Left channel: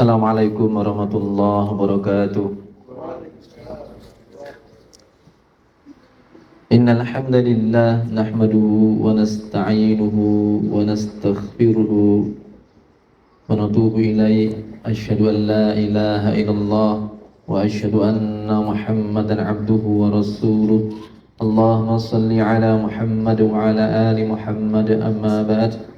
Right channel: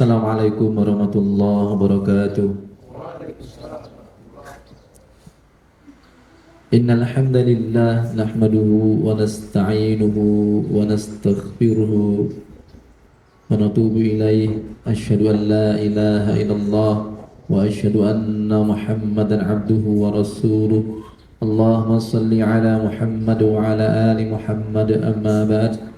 Assalamualaikum warahmatullahi wabarakatuh. Innal hamdalillah nahmaduhu wa nasta'inuhu wa nastaghfiruhu wa natubu ilaih. Asyhadu an la ilaha illallah wa asyhadu anna Muhammadan abduhu wa rasuluh. Allahumma salli ala Muhammad wa ala ali Muhammad, amma ba'd.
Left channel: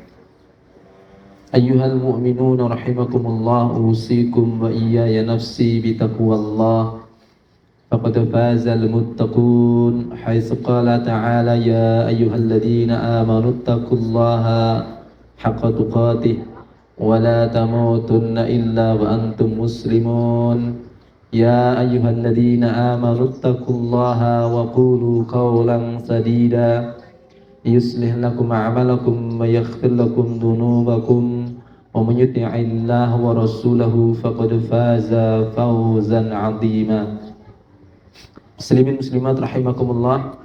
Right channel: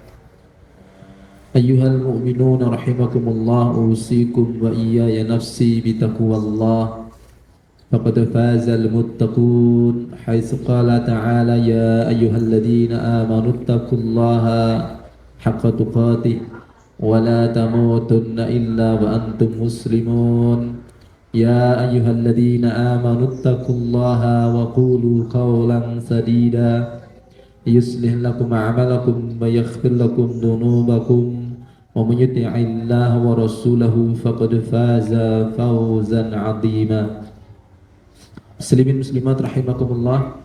Ayyuhal mu'minun rahimakumullah, usikum wa iyaya nafsi bitaqwallah. Faqad fazal muttaqun, haitsu qala ta'ala ya ayyuhalladzina amanu taqullaha haqqa tuqatih wa la tamutunna illa wa antum muslimun. Ya ayyuhalladzina amanu taqullaha wa qulu qawlan sadida yuslih lakum a'malakum wa yaghfir lakum dhunubakum wa man yuti'illaha wa rasulahu faqad faza fawzan 'azima. Muslimin muslimat rahimakumullah.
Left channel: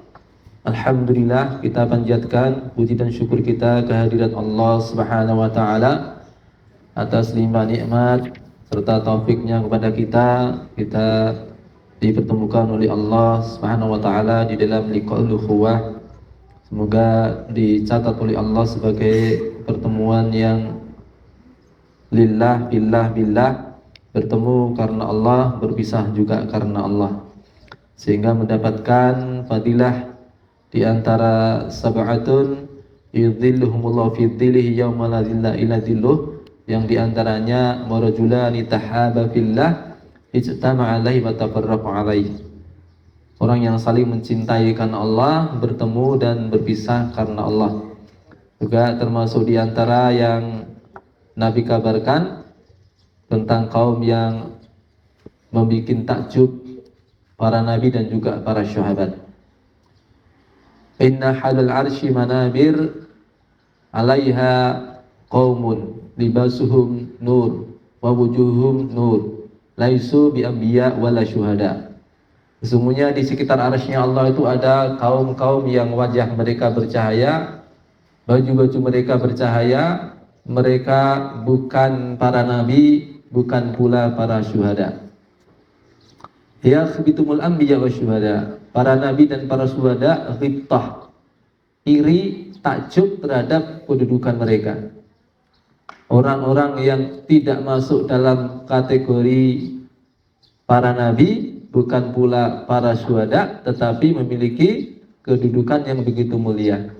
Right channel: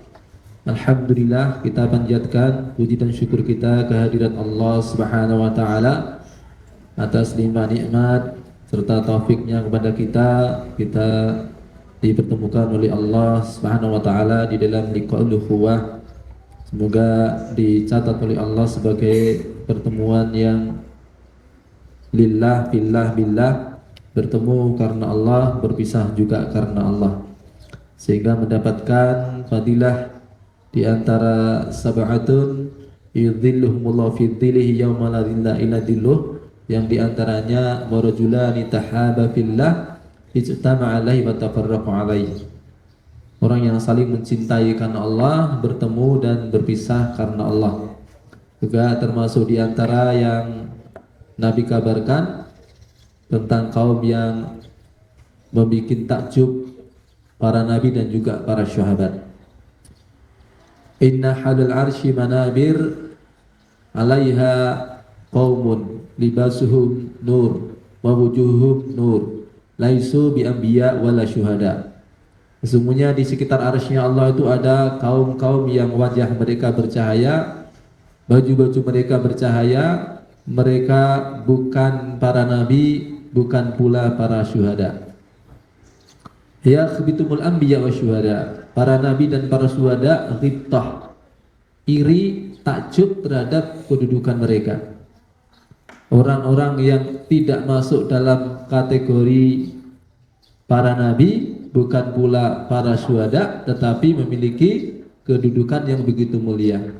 Alhamdulillah, kita panjatkan puji dan syukur kita kehadirat Allah Subhanahu wa taala atas limpah nikmat serta taufiknya kepada kita dipertemukan oleh Allah Subhanahu wa taala di dalam liqa'ul ukhuwah. Semoga dicatat oleh Allah sebagai pertemuan yang lillah, billah, billah, bertemu karena Allah, berpisah juga karena Allah, sehingga mendapatkan fadilah di antara sab'atun yudhilluhumullahu fi dhillihi yawma la dhilla illa dhilluh, yang diantaranya warajulani tahaba fillah ijtama'a alaihi wa tafarraqa alaihi. Orang yang saling mencintai karena Allah, bertemu dan berpisah karena Allah. Juga termasuk di antara yang Nabi kabarkan tentang kaum yang membuat takjub para nabi dan juga para syuhada. Inna halal arsy manabir 'alaiha qaumun libasuhum nur wa wujuhum nur laisu bi anbiya wala syuhada. Sesungguhnya di sekitar arsy-Nya Allah itu ada kaum-kaum yang wajah mereka bercahaya, baju-baju mereka bercahaya, mereka bukan para nabi, bukan pula para syuhada. Yakhbitumul anbiya wa syuhada. Para nabi dan para syuhada ghibtah, iri, takjub terhadap kedudukan mereka. Orang-orang yang tidak masuk dalam kategori para nabi, bukan pula para syuhada, tetapi memiliki kedudukan yang begitu mulia.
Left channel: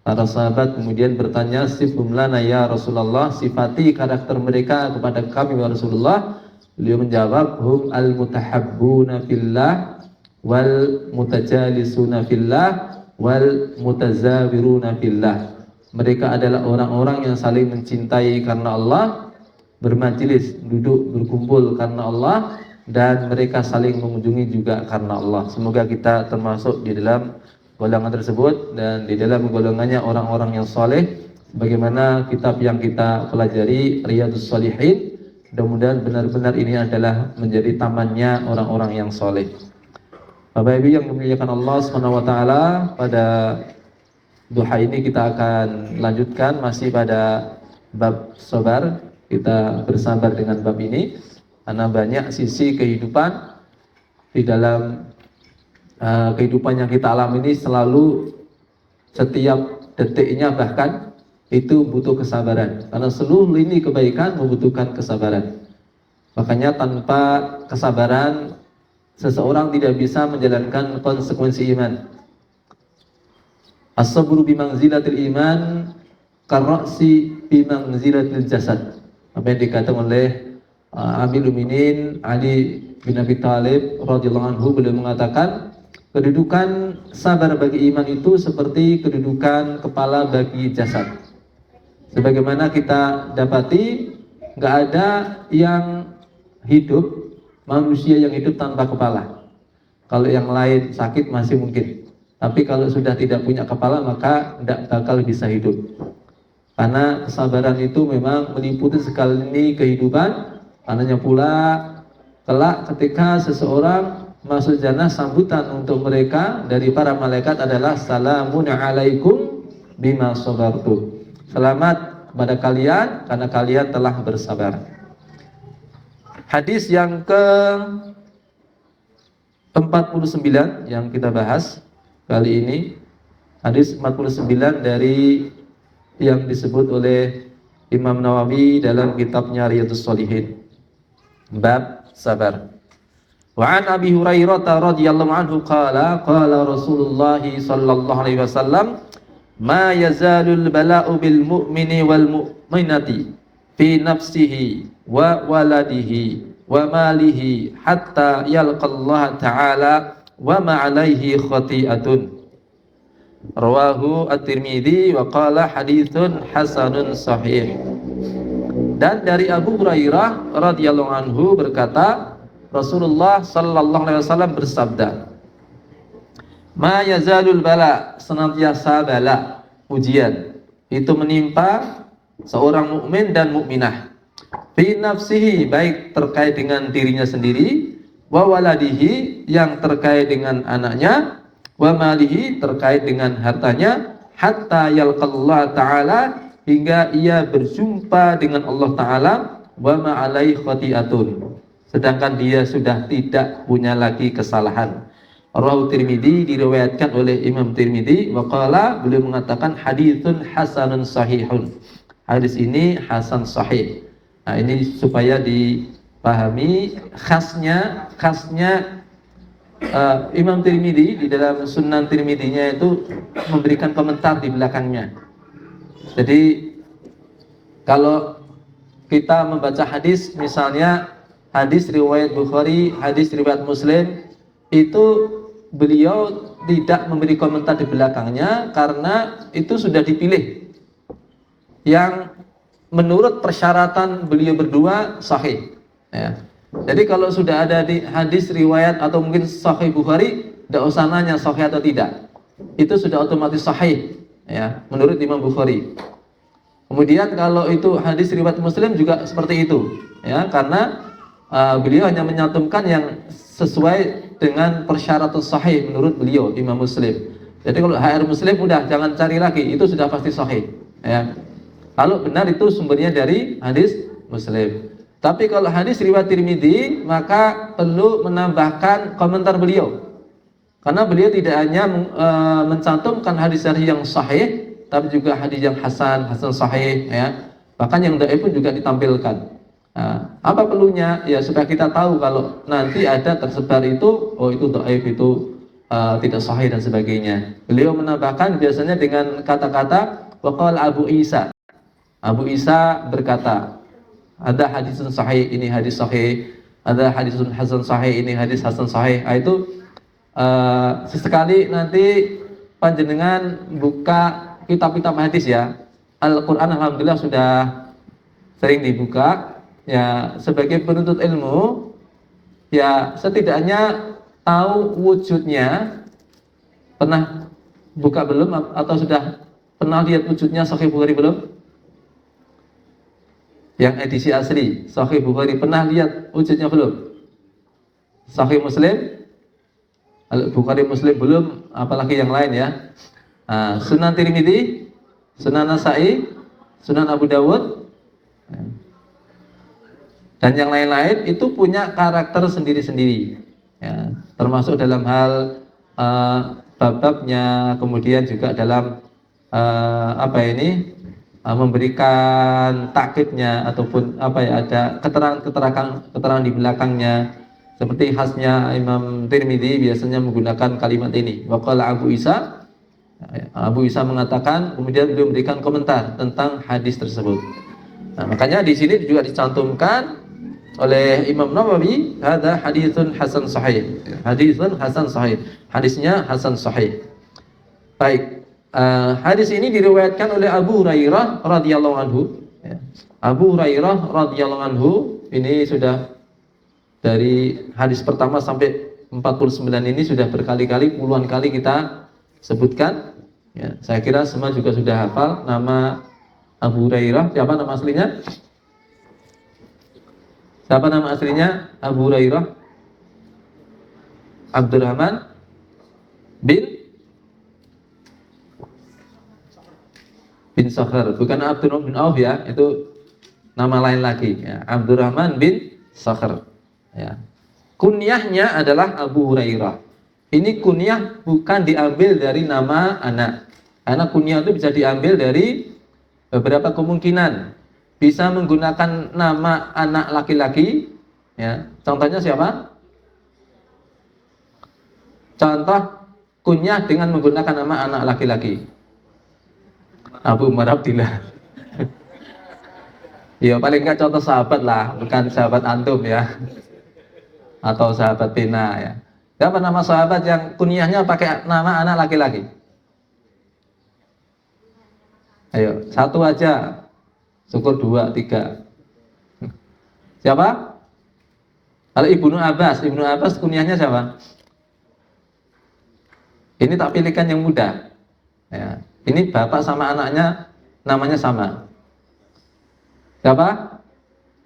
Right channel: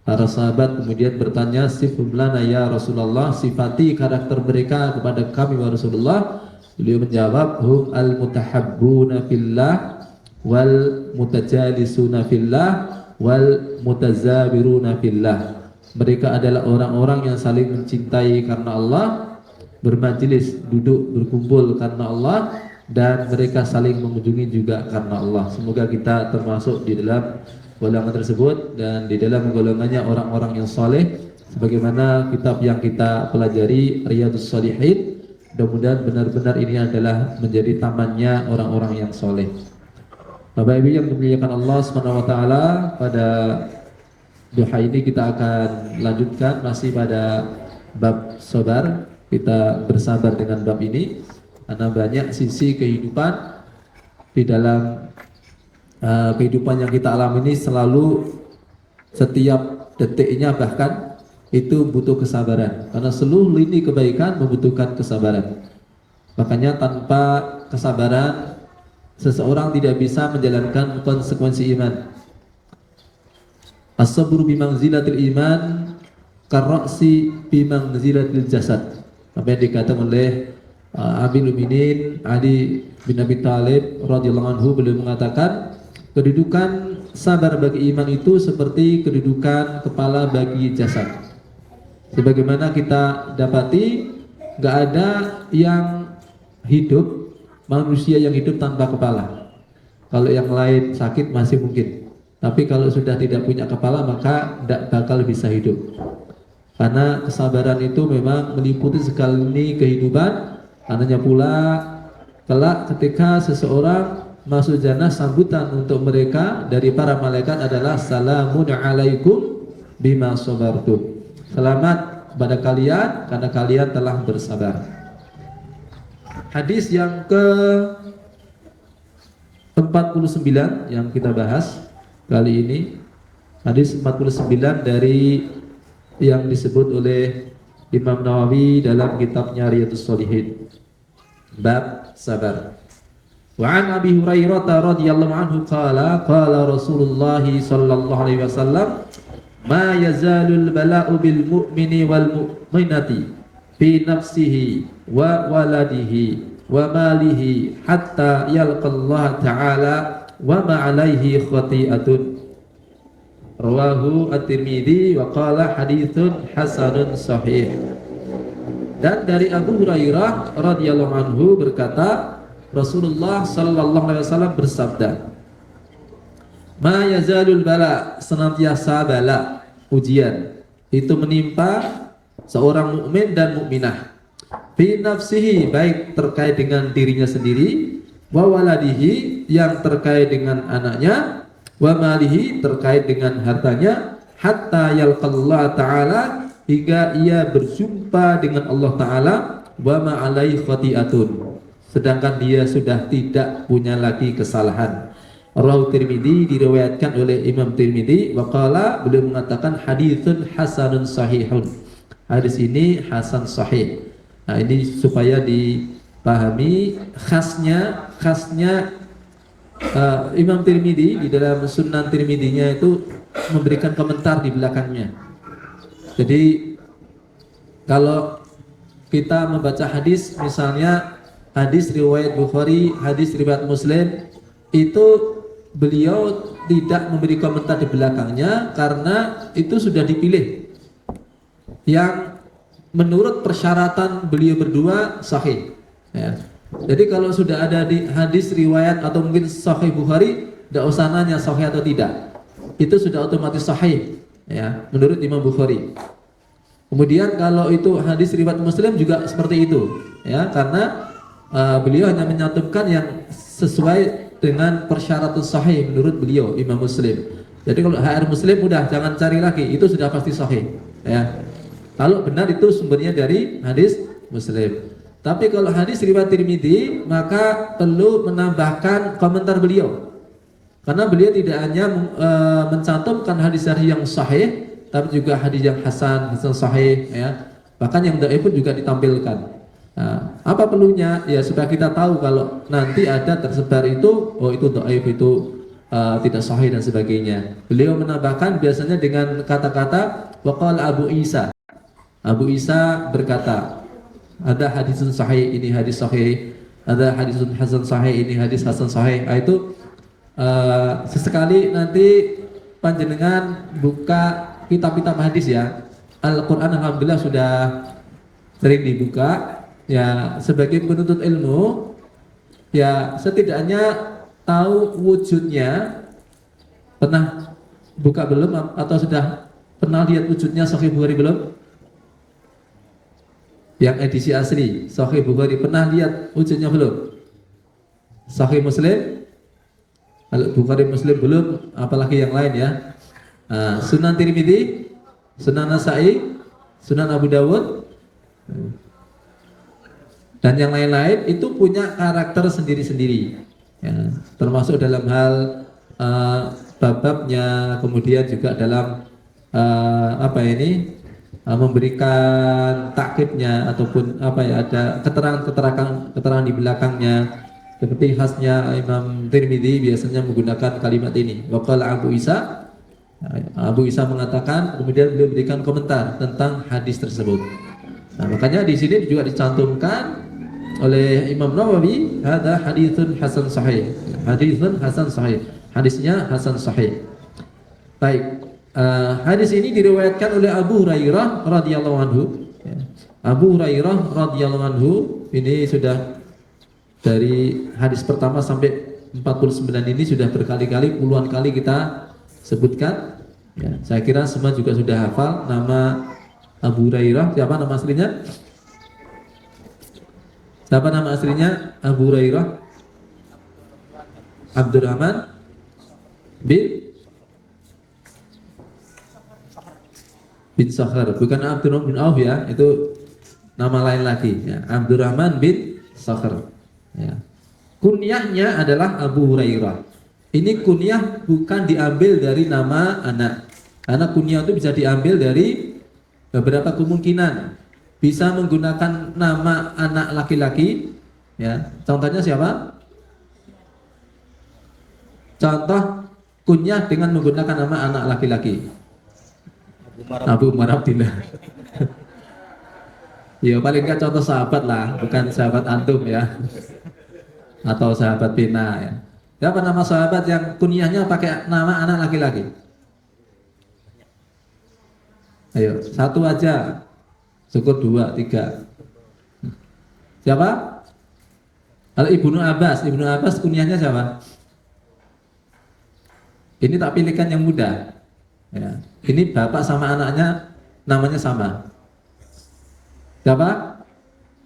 Para sahabat kemudian bertanya, sifhum lana ya Rasulullah, sifati karakter mereka kepada kami ya Rasulullah. Beliau menjawab, hum al-mutahabbuna fillah wal mutajalisuna fillah wal mutazawiruna fillah. Mereka adalah orang-orang yang saling mencintai karena Allah, bermajelis, duduk, berkumpul karena Allah, dan mereka saling mengunjungi juga karena Allah. Semoga kita termasuk di dalam golongan tersebut dan di dalam golongannya orang-orang yang soleh, sebagaimana kitab yang kita pelajari Riyadhus Shalihin. Mudah-mudahan benar-benar ini adalah menjadi tamannya orang-orang yang soleh. Bapak Ibu yang memuliakan Allah Subhanahu wa taala, pada duha ini kita akan lanjutkan masih pada bab sabar. Kita bersabar dengan bab ini karena banyak sisi kehidupan di dalam kehidupan yang kita alami ini, selalu setiap detiknya bahkan itu butuh kesabaran, karena seluruh lini kebaikan membutuhkan kesabaran. Makanya tanpa kesabaran seseorang tidak bisa menjalankan konsekuensi iman. As-sabru bimanzilatil iman karra'si bimanzilatil jasad. Apa yang dikatakan oleh Amirul Mukminin Ali bin Abi Thalib radhiyallahu anhu, beliau mengatakan kedudukan sabar bagi iman itu seperti kedudukan kepala bagi jasad. Sebagaimana kita dapati, nggak ada yang hidup, manusia yang hidup tanpa kepala. Kalau yang lain sakit masih mungkin, tapi kalau sudah tidak punya kepala maka tidak bakal bisa hidup. Karena kesabaran itu memang meliputi sekali kehidupan. Karenanya pula kelak ketika seseorang masuk jannah, sambutan untuk mereka dari para malaikat adalah salamun alaikum bima sabartum. Selamat kepada kalian karena kalian telah bersabar. Hadis yang ke 49 yang kita bahas kali ini, hadis 49 dari yang disebut oleh Imam Nawawi dalam kitabnya Riyadhus Shalihin, bab sabar. Wa an Abi Hurairah radhiyallahu anhu qala qala Rasulullah sallallahu alaihi wasallam ma yazalul bala'u bil mu'mini wal mu'minati fi nafsihi wa waladihi wa malihi hatta yalqallaha ta'ala wa ma alaihi khati'atun. Rawahu At-Tirmidzi wa qala haditsun hasanun sahih. Dan dari Abu Hurairah radhiyallahu anhu berkata, Rasulullah sallallahu alaihi wasallam bersabda, ma yazalul bala, senantiasa bala, ujian itu menimpa seorang mukmin dan mukminah, fi nafsihi, baik terkait dengan dirinya sendiri, wa waladihi, yang terkait dengan anaknya, wa malihi, terkait dengan hartanya, hatta yalqallahu ta'ala, hingga ia berjumpa dengan Allah Ta'ala, wa ma'alai khati'atun, sedangkan dia sudah tidak punya lagi kesalahan. Rawahu Tirmidzi, diriwayatkan oleh Imam Tirmidzi, wa qala, beliau mengatakan haditsun hasanun sahihun, hadis ini hasan sahih. Nah, ini supaya dipahami khasnya Imam Tirmidzi di dalam Sunan Tirmidzinya itu memberikan komentar di belakangnya. Jadi kalau kita membaca hadis, misalnya hadis riwayat Bukhari, hadis riwayat Muslim, itu beliau tidak memberi komentar di belakangnya karena itu sudah dipilih yang menurut persyaratan beliau berdua sahih, ya. Jadi kalau sudah ada di hadis riwayat atau mungkin sahih Bukhari, tidak usah nanya sahih atau tidak, itu sudah otomatis sahih, ya, menurut Imam Bukhari. Kemudian kalau itu hadis riwayat Muslim juga seperti itu, ya, karena beliau hanya menyantumkan yang sesuai dengan persyaratan sahih menurut beliau Imam Muslim. Jadi kalau HR Muslim udah jangan cari lagi, itu sudah pasti sahih, ya. Kalau benar itu sumbernya dari hadis Muslim. Tapi kalau hadis riwayat Tirmidzi, maka perlu menambahkan komentar beliau. Karena beliau tidak hanya mencantumkan hadis-hadis yang sahih, tapi juga hadis yang hasan sahih, ya. Bahkan yang dhaif pun juga ditampilkan. Nah, apa perlunya? Ya supaya kita tahu kalau nanti ada tersebar itu, oh itu dhaif, itu tidak sahih dan sebagainya. Beliau menambahkan biasanya dengan kata-kata waqala Abu Isa. Abu Isa berkata, ada hadisun sahih, ini hadis sahih, ada hadisun hasan sahih, ini hadis hasan sahih. Nah, itu sesekali nanti panjenengan buka kitab-kitab hadis, ya. Al-Quran alhamdulillah sudah sering dibuka, ya. Sebagai penuntut ilmu, ya setidaknya tahu wujudnya. Pernah buka belum atau sudah pernah lihat wujudnya Sahih Bukhari belum? Yang edisi asli Sahih Bukhari pernah lihat wujudnya belum? Sahih Muslim, Bukhari Muslim belum, apalagi yang lain, ya. Sunan Tirmidzi, Sunan Nasa'i, Sunan Abu Dawud, dan yang lain-lain itu punya karakter sendiri-sendiri, ya. Termasuk dalam hal bab-babnya, kemudian juga dalam memberikan takkibnya ataupun ada keterangan di belakangnya. Seperti khasnya Imam Tirmidzi biasanya menggunakan kalimat ini, waqala Abu Isa. Abu Isa mengatakan, kemudian beliau memberikan komentar tentang hadis tersebut. Nah, makanya di sini juga dicantumkan oleh Imam Nawawi, hadza haditsun hasan sahih. Haditsun hasan sahih. Hadisnya hasan sahih. Baik. Hadis ini diriwayatkan oleh Abu Hurairah radhiyallahu anhu, ya. Abu Hurairah radhiyallahu anhu ini sudah dari hadis pertama sampai 49 ini sudah berkali-kali, puluhan kali kita sebutkan, ya. Saya kira semua juga sudah hafal nama Abu Hurairah. Siapa nama aslinya? Siapa nama aslinya Abu Hurairah? Abdurrahman bin Sakhar, bukan Abdurrahman bin Auf, ya, itu nama lain lagi, ya. Abdurrahman bin Sakhr. Ya. Kunyahnya adalah Abu Hurairah. Ini kunyah bukan diambil dari nama anak. Karena kunyah itu bisa diambil dari beberapa kemungkinan. Bisa menggunakan nama anak laki-laki, ya. Contohnya siapa? Contoh kunyah dengan menggunakan nama anak laki-laki. Abu Umar Abdillah. Ya paling nggak contoh sahabat lah, bukan sahabat antum ya, atau sahabat Tina ya. Siapa nama sahabat yang kunyahnya pakai nama anak laki-laki? Ayo, satu aja. Syukur 2, 3. Siapa? Kalau Ibnu Abbas kunyahnya siapa? Ini tak pilihkan yang mudah. Ya. Ini bapak sama anaknya namanya sama. Siapa?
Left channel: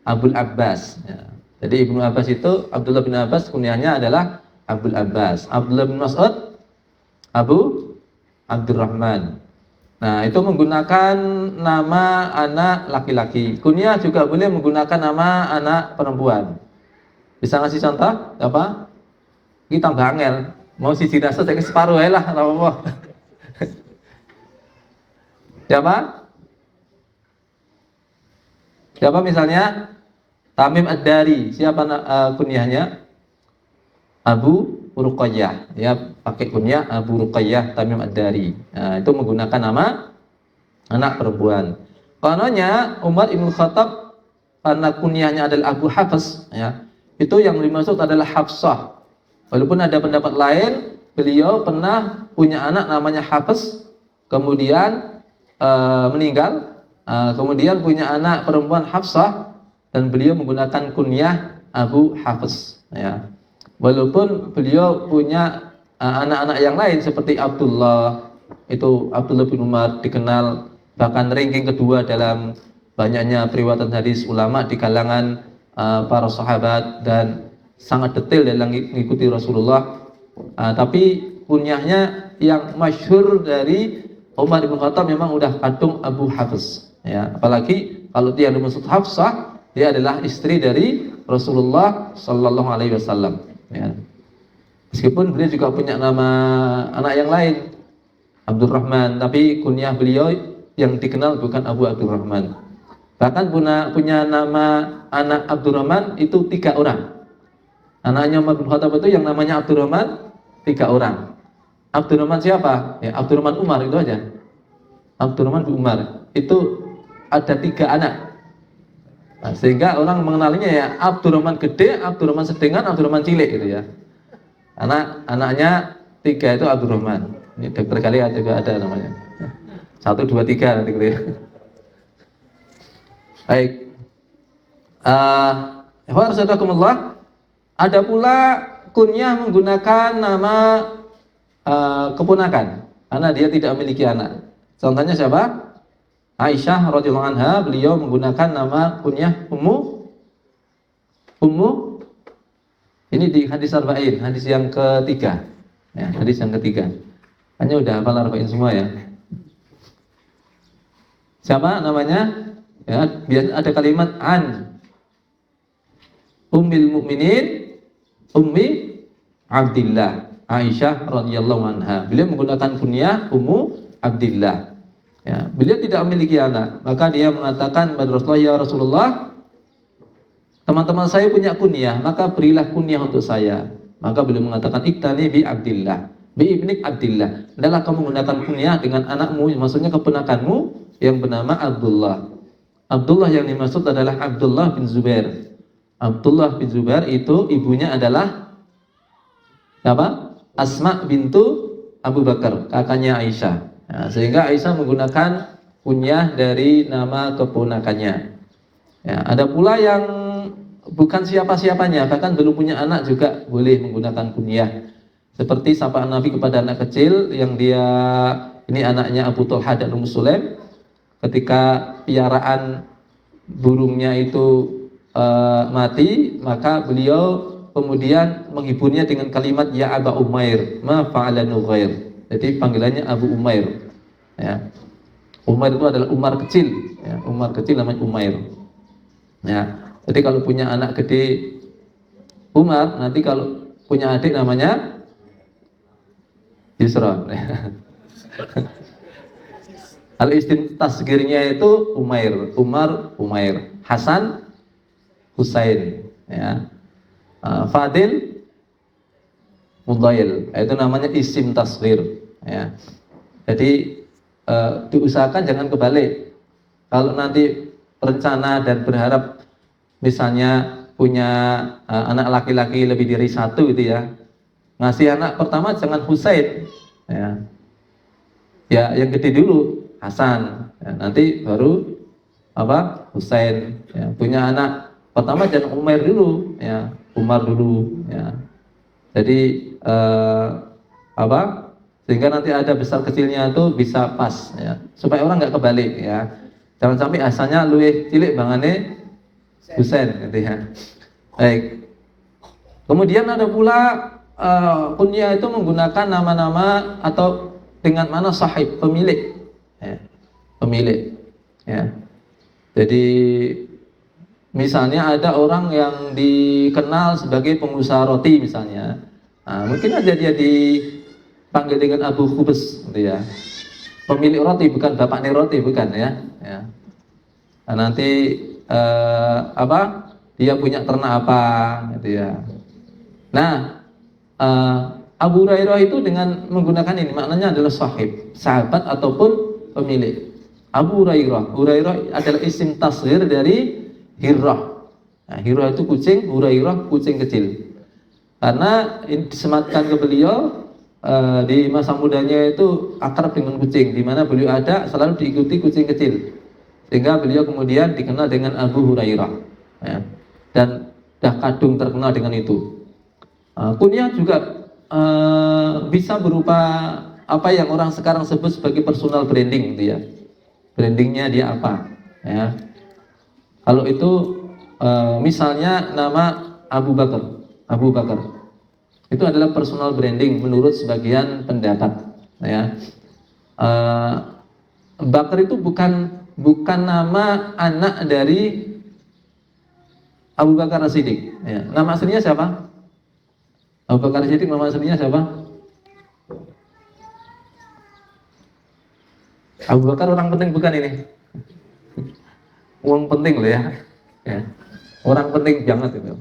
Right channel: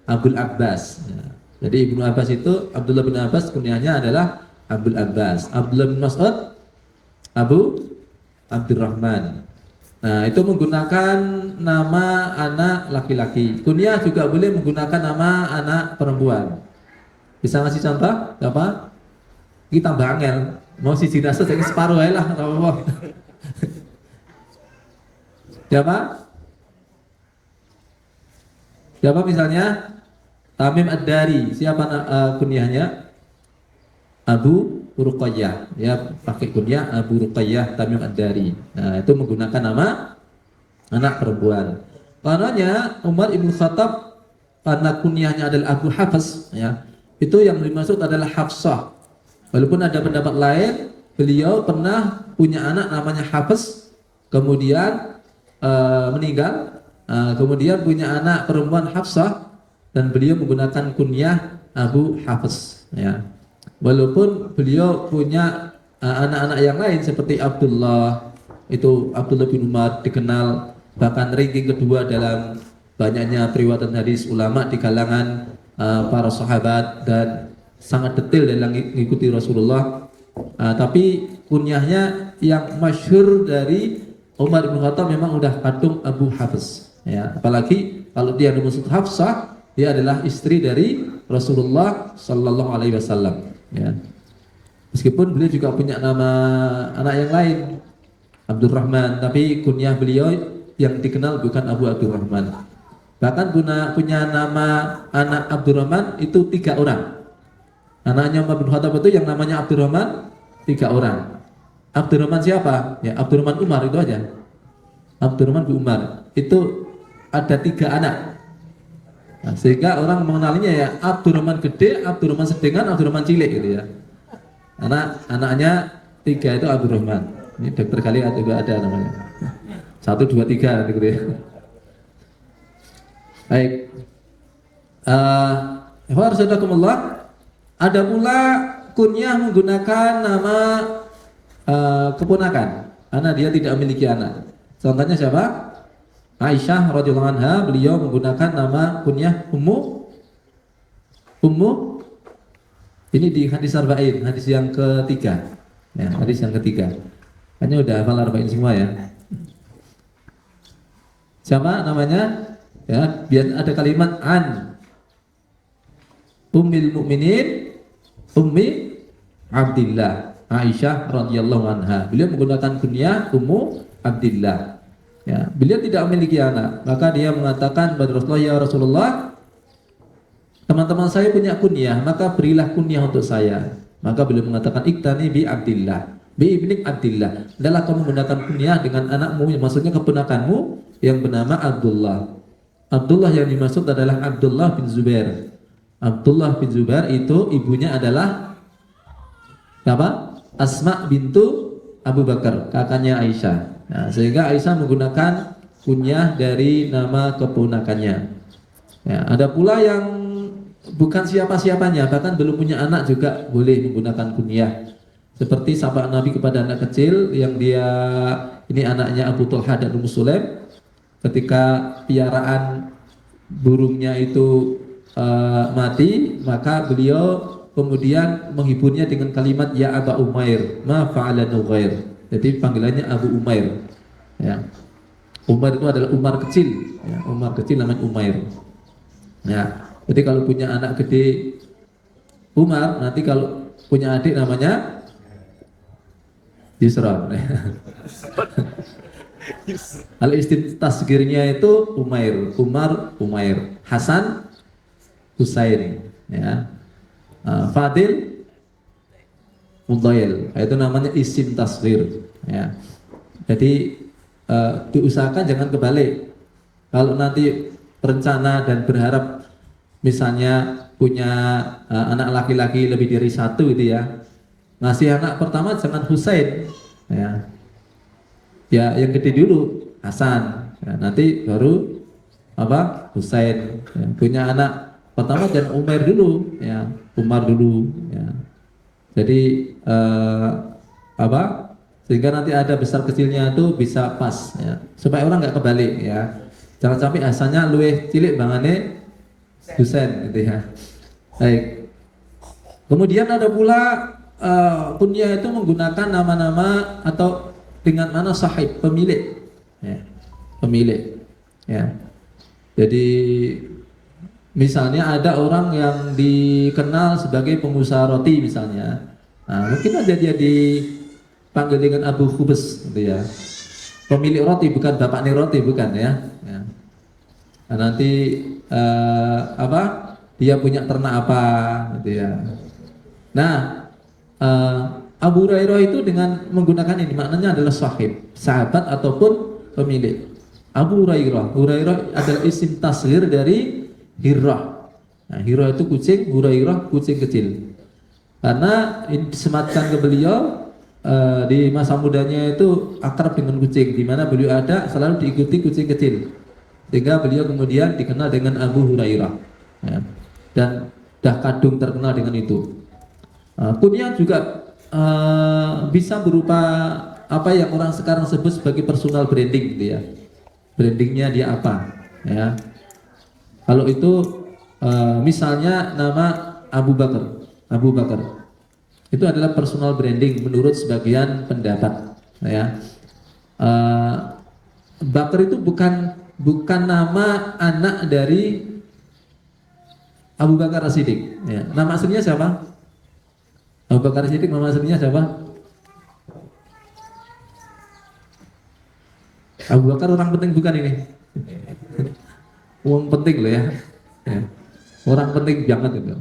Abdul Abbas. Ya. Jadi Ibnu Abbas itu Abdullah bin Abbas kunyahnya adalah Abdul Abbas. Abdullah bin Mas'ud Abu Abdurrahman. Nah, itu menggunakan nama anak laki-laki. Kunyah juga boleh menggunakan nama anak perempuan. Bisa ngasih contoh? Apa? Kita bangel. Mau siji dasar jadi separuh aja lah, apa? Siapa? Siapa misalnya? Tamim Ad-Dari. Siapa kunyahnya? Abu Ruqayyah. Ya, pakai kunyah Abu Ruqayyah Tamim Ad-Dari. Nah, itu menggunakan nama anak perempuan. Kononnya Umar Ibn Khattab anak kunyahnya adalah Abu Hafs, ya. Itu yang dimaksud adalah Hafsah. Walaupun ada pendapat lain, beliau pernah punya anak namanya Hafs, kemudian meninggal, kemudian punya anak perempuan Hafsah, dan beliau menggunakan kunyah Abu Hafs. Ya. Walaupun beliau punya anak-anak yang lain seperti Abdullah, itu Abdullah bin Umar dikenal bahkan ranking kedua dalam banyaknya periwayatan hadis ulama di kalangan para sahabat dan sangat detail dalam mengikuti Rasulullah. Tapi kunyahnya yang masyhur dari Umar bin Khattab memang udah kadung Abu Hafs. Ya, apalagi kalau dia dimaksud Hafsah, dia adalah istri dari Rasulullah Sallallahu Alaihi Wasallam. Ya. Meskipun beliau juga punya nama anak yang lain, Abdurrahman, tapi kunyah beliau yang dikenal bukan Abu Abdurrahman. Bahkan punya nama anak Abdurrahman itu 3 orang. Anaknya Umar bin Khattab itu yang namanya Abdurrahman 3 orang. Abdurrahman siapa? Ya, Abdurrahman Umar itu aja. Abdurrahman bin Umar itu ada 3 anak. Nah, sehingga orang mengenalinya ya Abdurrahman gede, Abdurrahman sedengan, Abdurrahman cilik gitu ya. Anaknya 3 itu Abdurrahman. Ini dokter kali juga ada namanya. 1, 2, 3 gitu ya. Baik. Wassalamualaikum. Ada pula kunyah menggunakan nama keponakan karena dia tidak memiliki anak. Contohnya siapa? Aisyah radhiyallahu anha, beliau menggunakan nama kunyah Ummu. Ini di hadis arba'in, hadis yang ketiga. Ya, hadis yang ketiga. Hanya udah hafal arba'in semua ya. Siapa namanya? Ya, biar ada kalimat an Ummil Mukminin Ummi Abdillah Aisyah radhiyallahu anha. Beliau menggunakan kunyah Ummu Abdillah. Ya, beliau tidak memiliki anak, maka dia mengatakan kepada Rasulullah, ya Rasulullah, teman-teman saya punya kunyah, maka berilah kunyah untuk saya. Maka beliau mengatakan iktani bi Abdillah, bi ibnik Abdillah. Hendaklah kamu menggunakan kunyah dengan anakmu, maksudnya keponakanmu yang bernama Abdullah. Abdullah yang dimaksud adalah Abdullah bin Zubair. Abdullah bin Zubair itu ibunya adalah apa? Asma bintu Abu Bakar, kakaknya Aisyah. Nah, sehingga Aisyah menggunakan kunyah dari nama keponakannya. Ya, ada pula yang bukan siapa-siapanya, bahkan belum punya anak juga boleh menggunakan kunyah. Seperti sapaan Nabi kepada anak kecil yang dia ini anaknya Abu Talha dan Ummu Sulaim. Ketika piaraan burungnya itu mati, maka beliau kemudian menghiburnya dengan kalimat ya Aba Umair, ma fa'ala Nughair. Jadi panggilannya Abu Umair. Ya. Umair itu adalah Umar kecil. Ya, Umar kecil namanya Umair. Ya. Jadi kalau punya anak gede Umar, nanti kalau punya adik namanya Yusron. Al-istim tasgirnya itu Umair, Umar, Umair, Hasan, Husain, ya. Fadil, Mudail, itu namanya isim tasgir, ya. Jadi diusahakan jangan kebalik. Kalau nanti rencana dan berharap misalnya punya anak laki-laki lebih dari satu gitu ya, ngasih anak pertama jangan Husain, ya. Ya yang gede dulu Hasan, ya, nanti baru apa Husain. Ya, punya anak pertama jangan Umair dulu, ya Umar dulu, ya. Jadi apa sehingga nanti ada besar kecilnya itu bisa pas, ya, supaya orang nggak kebalik, ya. Jangan sampai asalnya luwih cilik bangane Husain, gitu ya. Baik. Kemudian ada pula kunyah itu menggunakan nama-nama atau dengan mana sahib, pemilik, ya, pemilik, ya. Jadi misalnya ada orang yang dikenal sebagai pengusaha roti misalnya, mungkin aja dia dipanggil dengan Abu Khubes, gitu ya. Pemilik roti, bukan bapaknya roti, bukan, ya. Ya. Nah, nanti apa? Dia punya ternak apa, gitu ya. Nah, Abu Hurairah itu dengan menggunakan ini maknanya adalah sahib, sahabat ataupun pemilik. Abu Hurairah adalah isim tasghir dari Hirrah. Nah, Hirrah itu kucing, Hurairah kucing kecil. Karena disematkan ke beliau di masa mudanya itu akrab dengan kucing, di mana beliau ada selalu diikuti kucing kecil, sehingga beliau kemudian dikenal dengan Abu Hurairah, ya. Dan dah kadung terkenal dengan itu. Kunyah juga bisa berupa apa yang orang sekarang sebut sebagai personal branding, gitu ya. Brandingnya dia apa, ya. Kalau itu misalnya nama Abu Bakar itu adalah personal branding menurut sebagian pendapat, ya. Bakar itu bukan nama anak dari Abu Bakar As-Siddiq, ya. Nama aslinya siapa? Abu Bakar As-Siddiq nama aslinya siapa? Abu Bakar orang penting bukan ini? Uang penting loh, ya. Ya. Orang penting banget itu.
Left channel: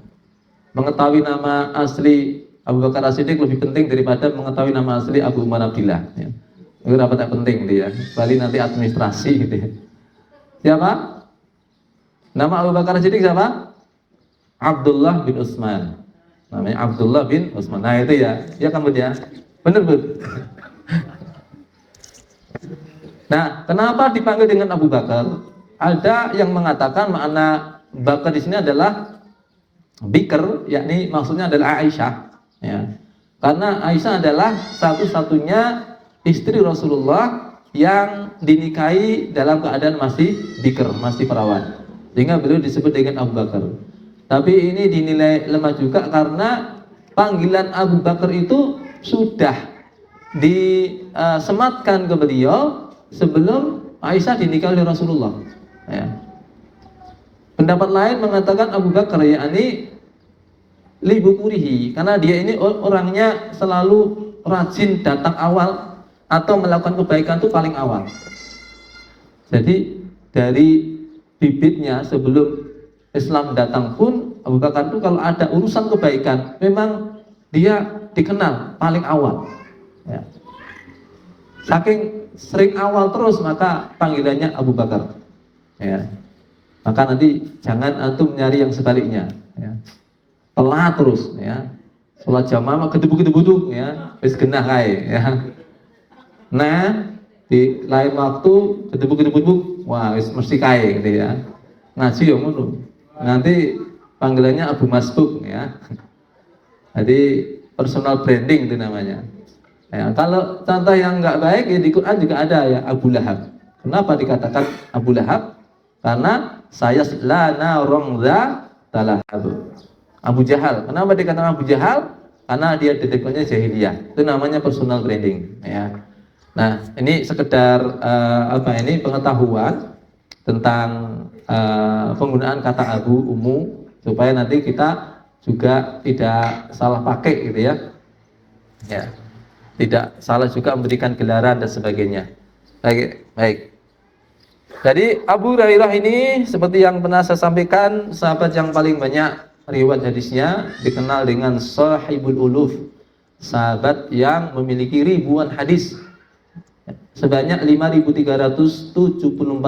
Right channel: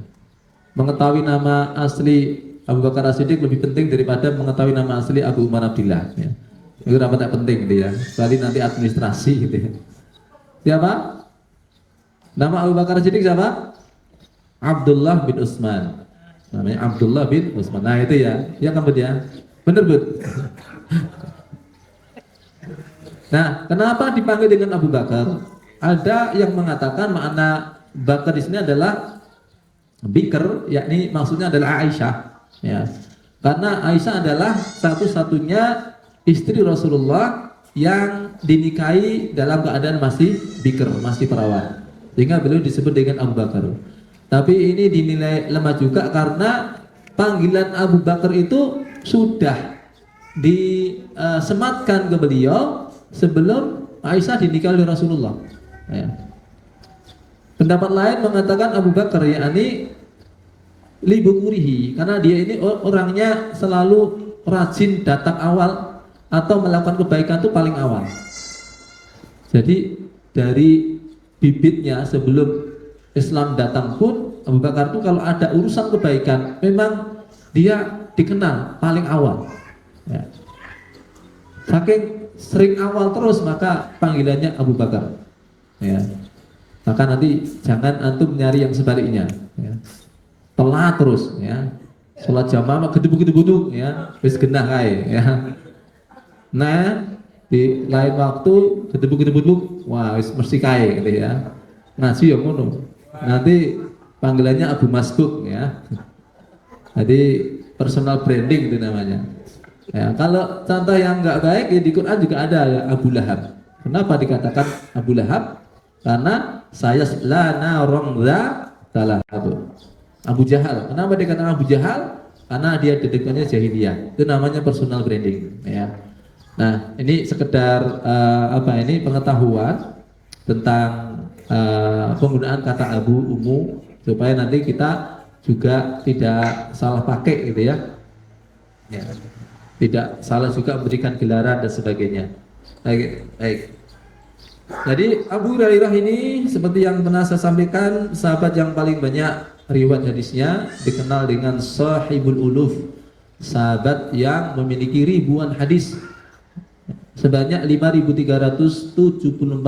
Mengetahui nama asli Abu Bakar As-Siddiq lebih penting daripada mengetahui nama asli Abu Umar Abdillah, ya. Itu apa tak penting dia, balik nanti administrasi gitu, ya. Siapa? Nama Abu Bakar As-Siddiq siapa? Abdullah bin Utsman. Namanya Abdullah bin Utsman. Nah itu ya, ya kan Bud, ya? Bener Bud? Nah, kenapa dipanggil dengan Abu Bakar? Ada yang mengatakan makna Bakar di sini adalah Bikr, yakni maksudnya adalah Aisyah, ya. Karena Aisyah adalah satu-satunya istri Rasulullah yang dinikahi dalam keadaan masih bikr, masih perawan, sehingga beliau disebut dengan Abu Bakar. Tapi ini dinilai lemah juga karena panggilan Abu Bakar itu sudah disematkan ke beliau sebelum Aisyah dinikahi oleh Rasulullah, ya. Pendapat lain mengatakan Abu Bakar yakni libukurihi, karena dia ini orangnya selalu rajin datang awal atau melakukan kebaikan itu paling awal. Jadi dari bibitnya sebelum Islam datang pun Abu Bakar itu kalau ada urusan kebaikan memang dia dikenal paling awal, ya. Saking sering awal terus maka panggilannya Abu Bakar, ya. Maka nanti jangan antum nyari yang sebaliknya, ya. Telat terus, ya. Sholat jamaah gedebuk-gedebuk, ya. Wis genah kae, ya. Nah, di lain waktu gedebuk-gedebuk, wah wis mesti kae gitu, ya. Ngaji ya ngono. Nanti panggilannya Abu Masbuk, ya. Jadi personal branding itu namanya. Ya, kalau contoh yang nggak baik ya di Quran juga ada, ya, Abu Lahab. Kenapa dikatakan Abu Lahab? Karena saya lana rongza talahab. Abu Jahal. Kenapa dikatakan Abu Jahal? Karena dia dedekannya jahiliyah. Itu namanya personal branding, ya. Nah, ini sekedar apa ini pengetahuan tentang penggunaan kata abu, umu, supaya nanti kita juga tidak salah pakai gitu ya. Ya, tidak salah juga memberikan gelaran dan sebagainya. Baik. Jadi Abu Hurairah ini seperti yang pernah saya sampaikan, sahabat yang paling banyak riwayat hadisnya, dikenal dengan Sahibul Uluf, sahabat yang memiliki ribuan hadis, sebanyak 5.374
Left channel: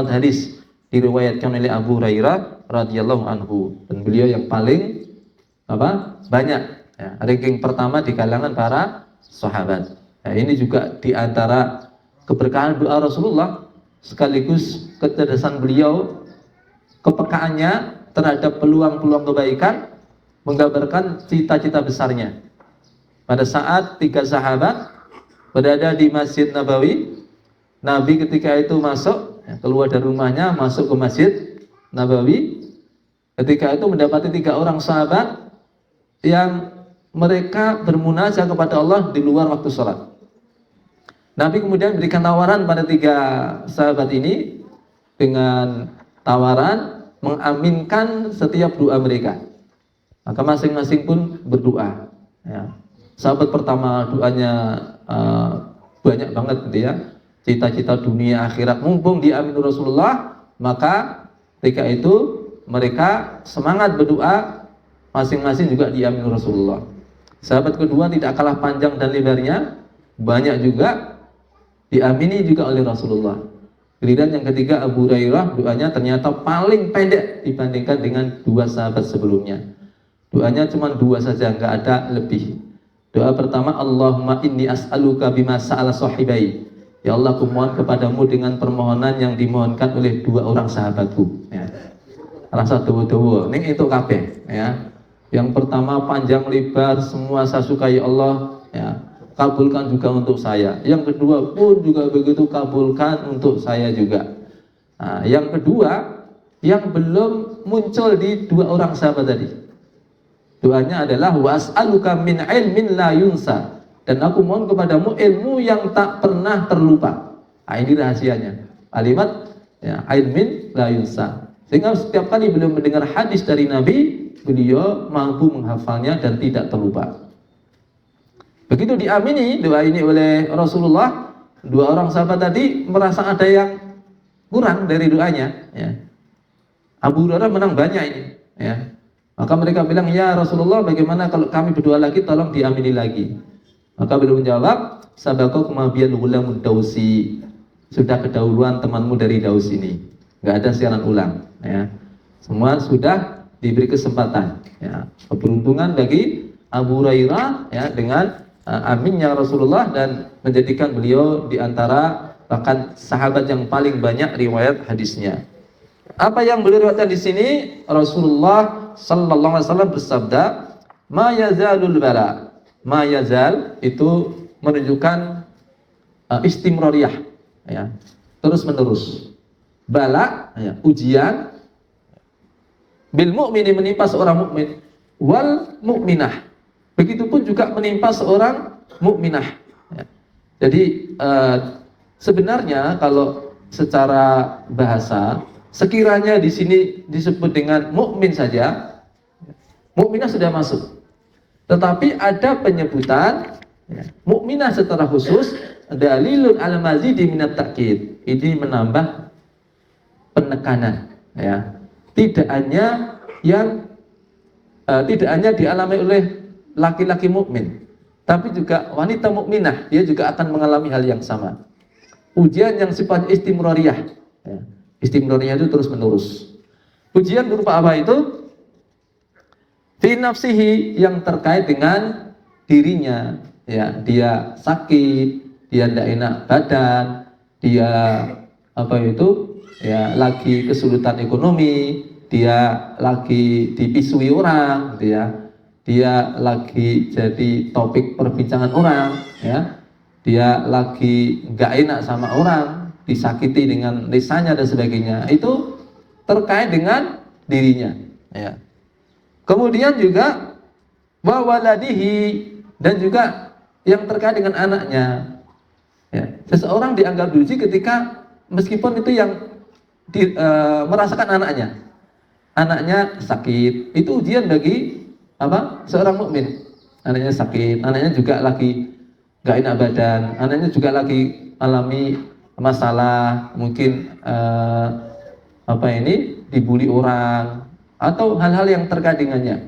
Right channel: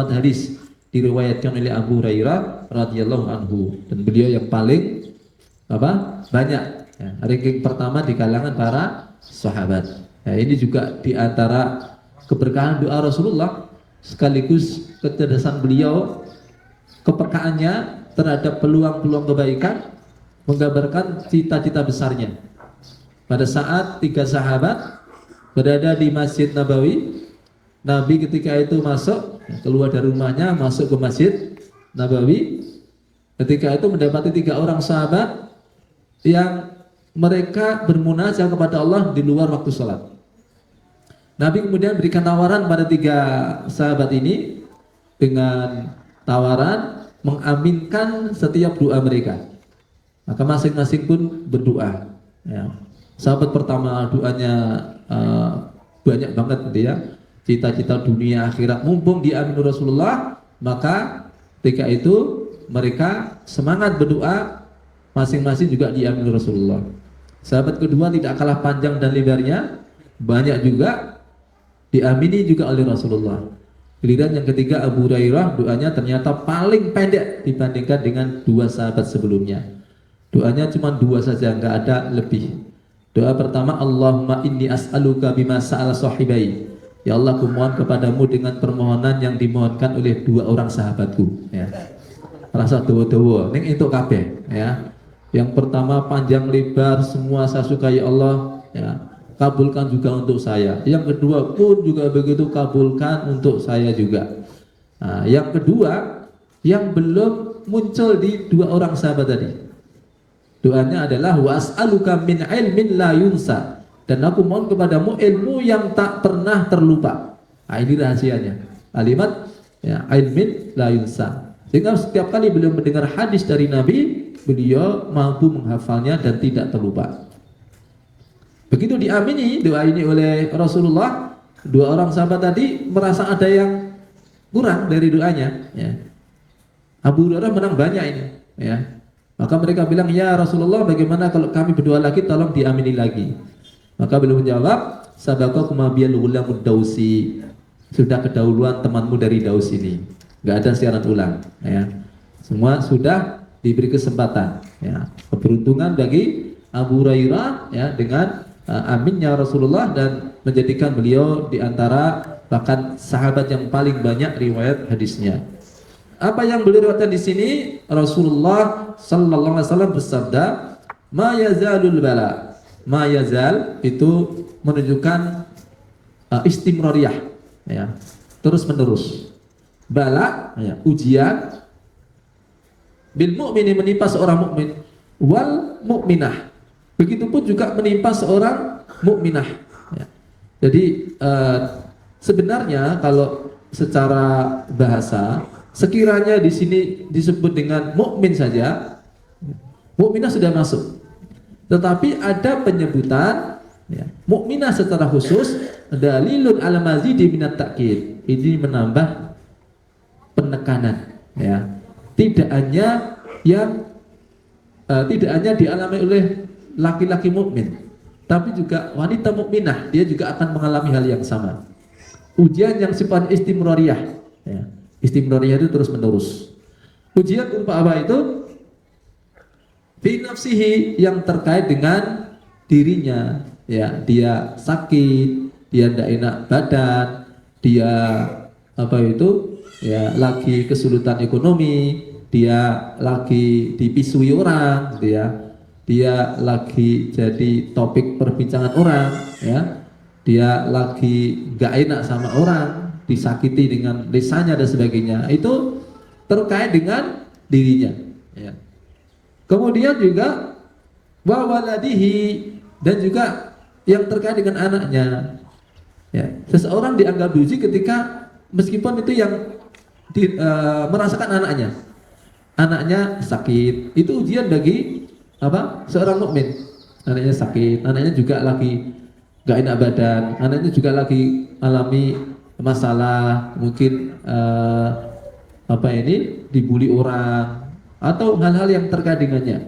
hadis diriwayatkan oleh Abu Hurairah radhiyallahu anhu, dan beliau yang paling banyak, ya, ranking pertama di kalangan para sahabat. Nah, ini juga di antara keberkahan doa Rasulullah, sekaligus kecerdasan beliau, kepekaannya terhadap peluang-peluang kebaikan, menggambarkan cita-cita besarnya. Pada saat 3 sahabat berada di Masjid Nabawi, Nabi ketika itu masuk, keluar dari rumahnya, masuk ke Masjid Nabawi. Ketika itu mendapati 3 orang sahabat yang mereka bermunajat kepada Allah di luar waktu sholat. Nabi kemudian berikan tawaran pada 3 sahabat ini dengan tawaran mengaminkan setiap doa mereka. Maka masing-masing pun berdoa. Ya. Sahabat pertama doanya banyak banget gitu ya, cita-cita dunia akhirat, mumpung diamin Rasulullah, maka ketika itu mereka semangat berdoa, masing-masing juga diamin Rasulullah. Sahabat kedua tidak kalah panjang dan lebarnya, banyak juga diamini juga oleh Rasulullah. Giliran yang ketiga Abu Hurairah, doanya ternyata paling pendek dibandingkan dengan 2 sahabat sebelumnya. Doanya cuma 2 saja, nggak ada lebih. Doa pertama, Allahumma inni as'aluka bima sa'ala sahibai. Ya Allah, aku mohon kepadamu dengan permohonan yang dimohonkan oleh 2 orang sahabatku. Ya. Rasa doa-doa, ini itu kabeh. Ya. Yang pertama panjang lebar, semua saya sukai Allah. Ya. Kabulkan juga untuk saya. Yang kedua pun juga begitu, kabulkan untuk saya juga. Nah, yang kedua, yang belum muncul di 2 orang sahabat tadi, doanya adalah was'aluka min ilmin la yunsa, dan aku mohon kepadamu ilmu yang tak pernah terlupa. Nah, ini rahasianya. Kalimat ya, ilmin la yunsa. Sehingga setiap kali beliau mendengar hadis dari Nabi, beliau mampu menghafalnya dan tidak terlupa. Begitu diamini doa ini oleh Rasulullah, 2 orang sahabat tadi merasa ada yang kurang dari doanya. Ya. Abu Hurairah menang banyak ini. Ya. Maka mereka bilang, ya Rasulullah, bagaimana kalau kami berdoa lagi, tolong diamini lagi. Maka beliau menjawab, sabaqakum biyal ghulamud dausi, sudah kedahuluan temanmu dari Daus ini. Gak ada siaran ulang. Ya. Semua sudah diberi kesempatan. Ya. Keberuntungan bagi Abu Hurairah ya, dengan aminnya Rasulullah, dan menjadikan beliau di antara bahkan sahabat yang paling banyak riwayat hadisnya. Apa yang beliau riwayatkan di sini, Rasulullah sallallahu alaihi wasallam bersabda, "Ma yazalul bala." Ma yazal itu menunjukkan istimrariyah, ya, terus menerus. Bala, ya, ujian, bil mu'mini menimpa seorang mukmin, wal mukminah, begitupun juga menimpa seorang mukminah. Ya. Jadi sebenarnya kalau secara bahasa, sekiranya di sini disebut dengan mukmin saja, mukminah sudah masuk. Tetapi ada penyebutan ya, mukminah secara khusus, dalilun ala mazidi minat ta'kid. Ini menambah penekanan. Ya. Tidak hanya dialami oleh laki-laki mukmin, tapi juga wanita mukminah, dia juga akan mengalami hal yang sama. Ujian yang sifatnya istimrariyah. Ya. Istimrariyah itu terus menerus. Ujian berupa apa itu? Fi nafsihi, yang terkait dengan dirinya. Ya, dia sakit, dia tidak enak badan, dia ya lagi kesulitan ekonomi, dia lagi dipisui orang, gitu ya. Dia lagi jadi topik perbincangan orang, ya. Dia lagi nggak enak sama orang, disakiti dengan lisannya dan sebagainya. Itu terkait dengan dirinya. Ya. Kemudian juga wawaladihi, dan juga yang terkait dengan anaknya. Ya. Seseorang dianggap diuji ketika meskipun itu yang merasakan anaknya sakit, itu ujian bagi apa? Seorang mukmin. Anaknya sakit, anaknya juga lagi gak enak badan, anaknya juga lagi alami masalah, mungkin dibully orang atau hal-hal yang terkait dengannya,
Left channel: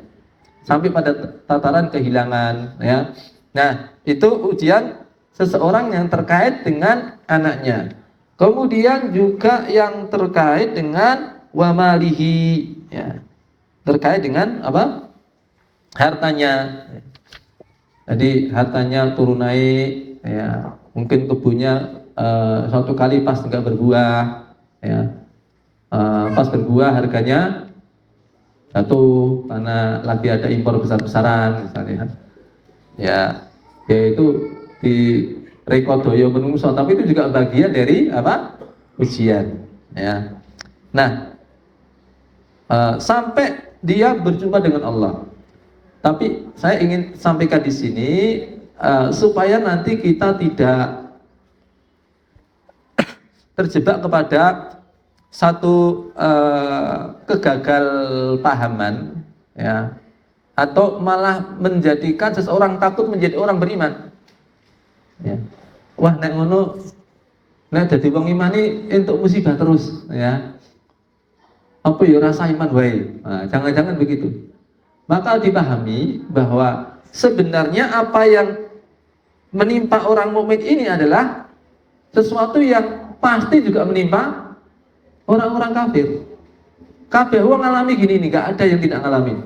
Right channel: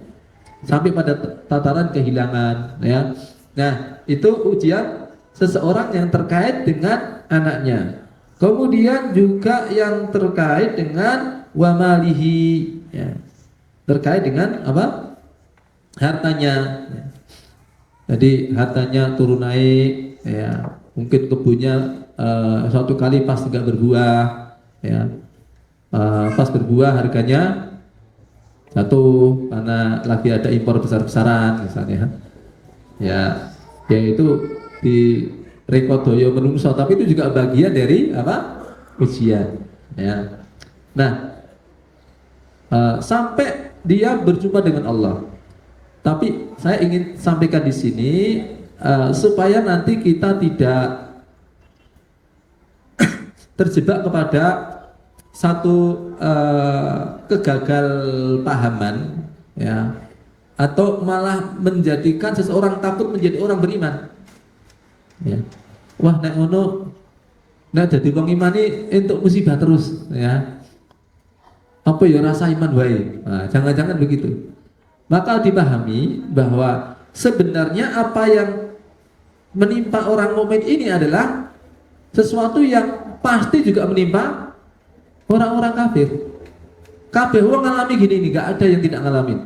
sampai pada tataran kehilangan, ya. Nah, itu ujian seseorang yang terkait dengan anaknya. Kemudian juga yang terkait dengan wamalihi, ya, terkait dengan apa? Hartanya. Jadi hartanya turun naik, ya. Mungkin kebunnya suatu kali pas nggak berbuah, ya. Pas berbuah harganya jatuh karena lagi ada impor besar-besaran misalnya. Ya, yaitu di rekodoyo menungso, tapi itu juga bagian dari apa? Ujian, ya. Nah, sampai dia berjumpa dengan Allah. Tapi saya ingin sampaikan di sini supaya nanti kita tidak terjebak kepada satu kegagalpahaman, ya, atau malah menjadikan seseorang takut menjadi orang beriman. Ya. Wah, nek ngono, nek dadi wong iman iki entuk musibah terus, ya. Apa ya rasa iman wae. Nah, jangan-jangan begitu. Maka dipahami bahwa sebenarnya apa yang menimpa orang mukmin ini adalah sesuatu yang pasti juga menimpa orang-orang kafir. Kabeh wong ngalami gini nih, gak ada yang tidak ngalamin.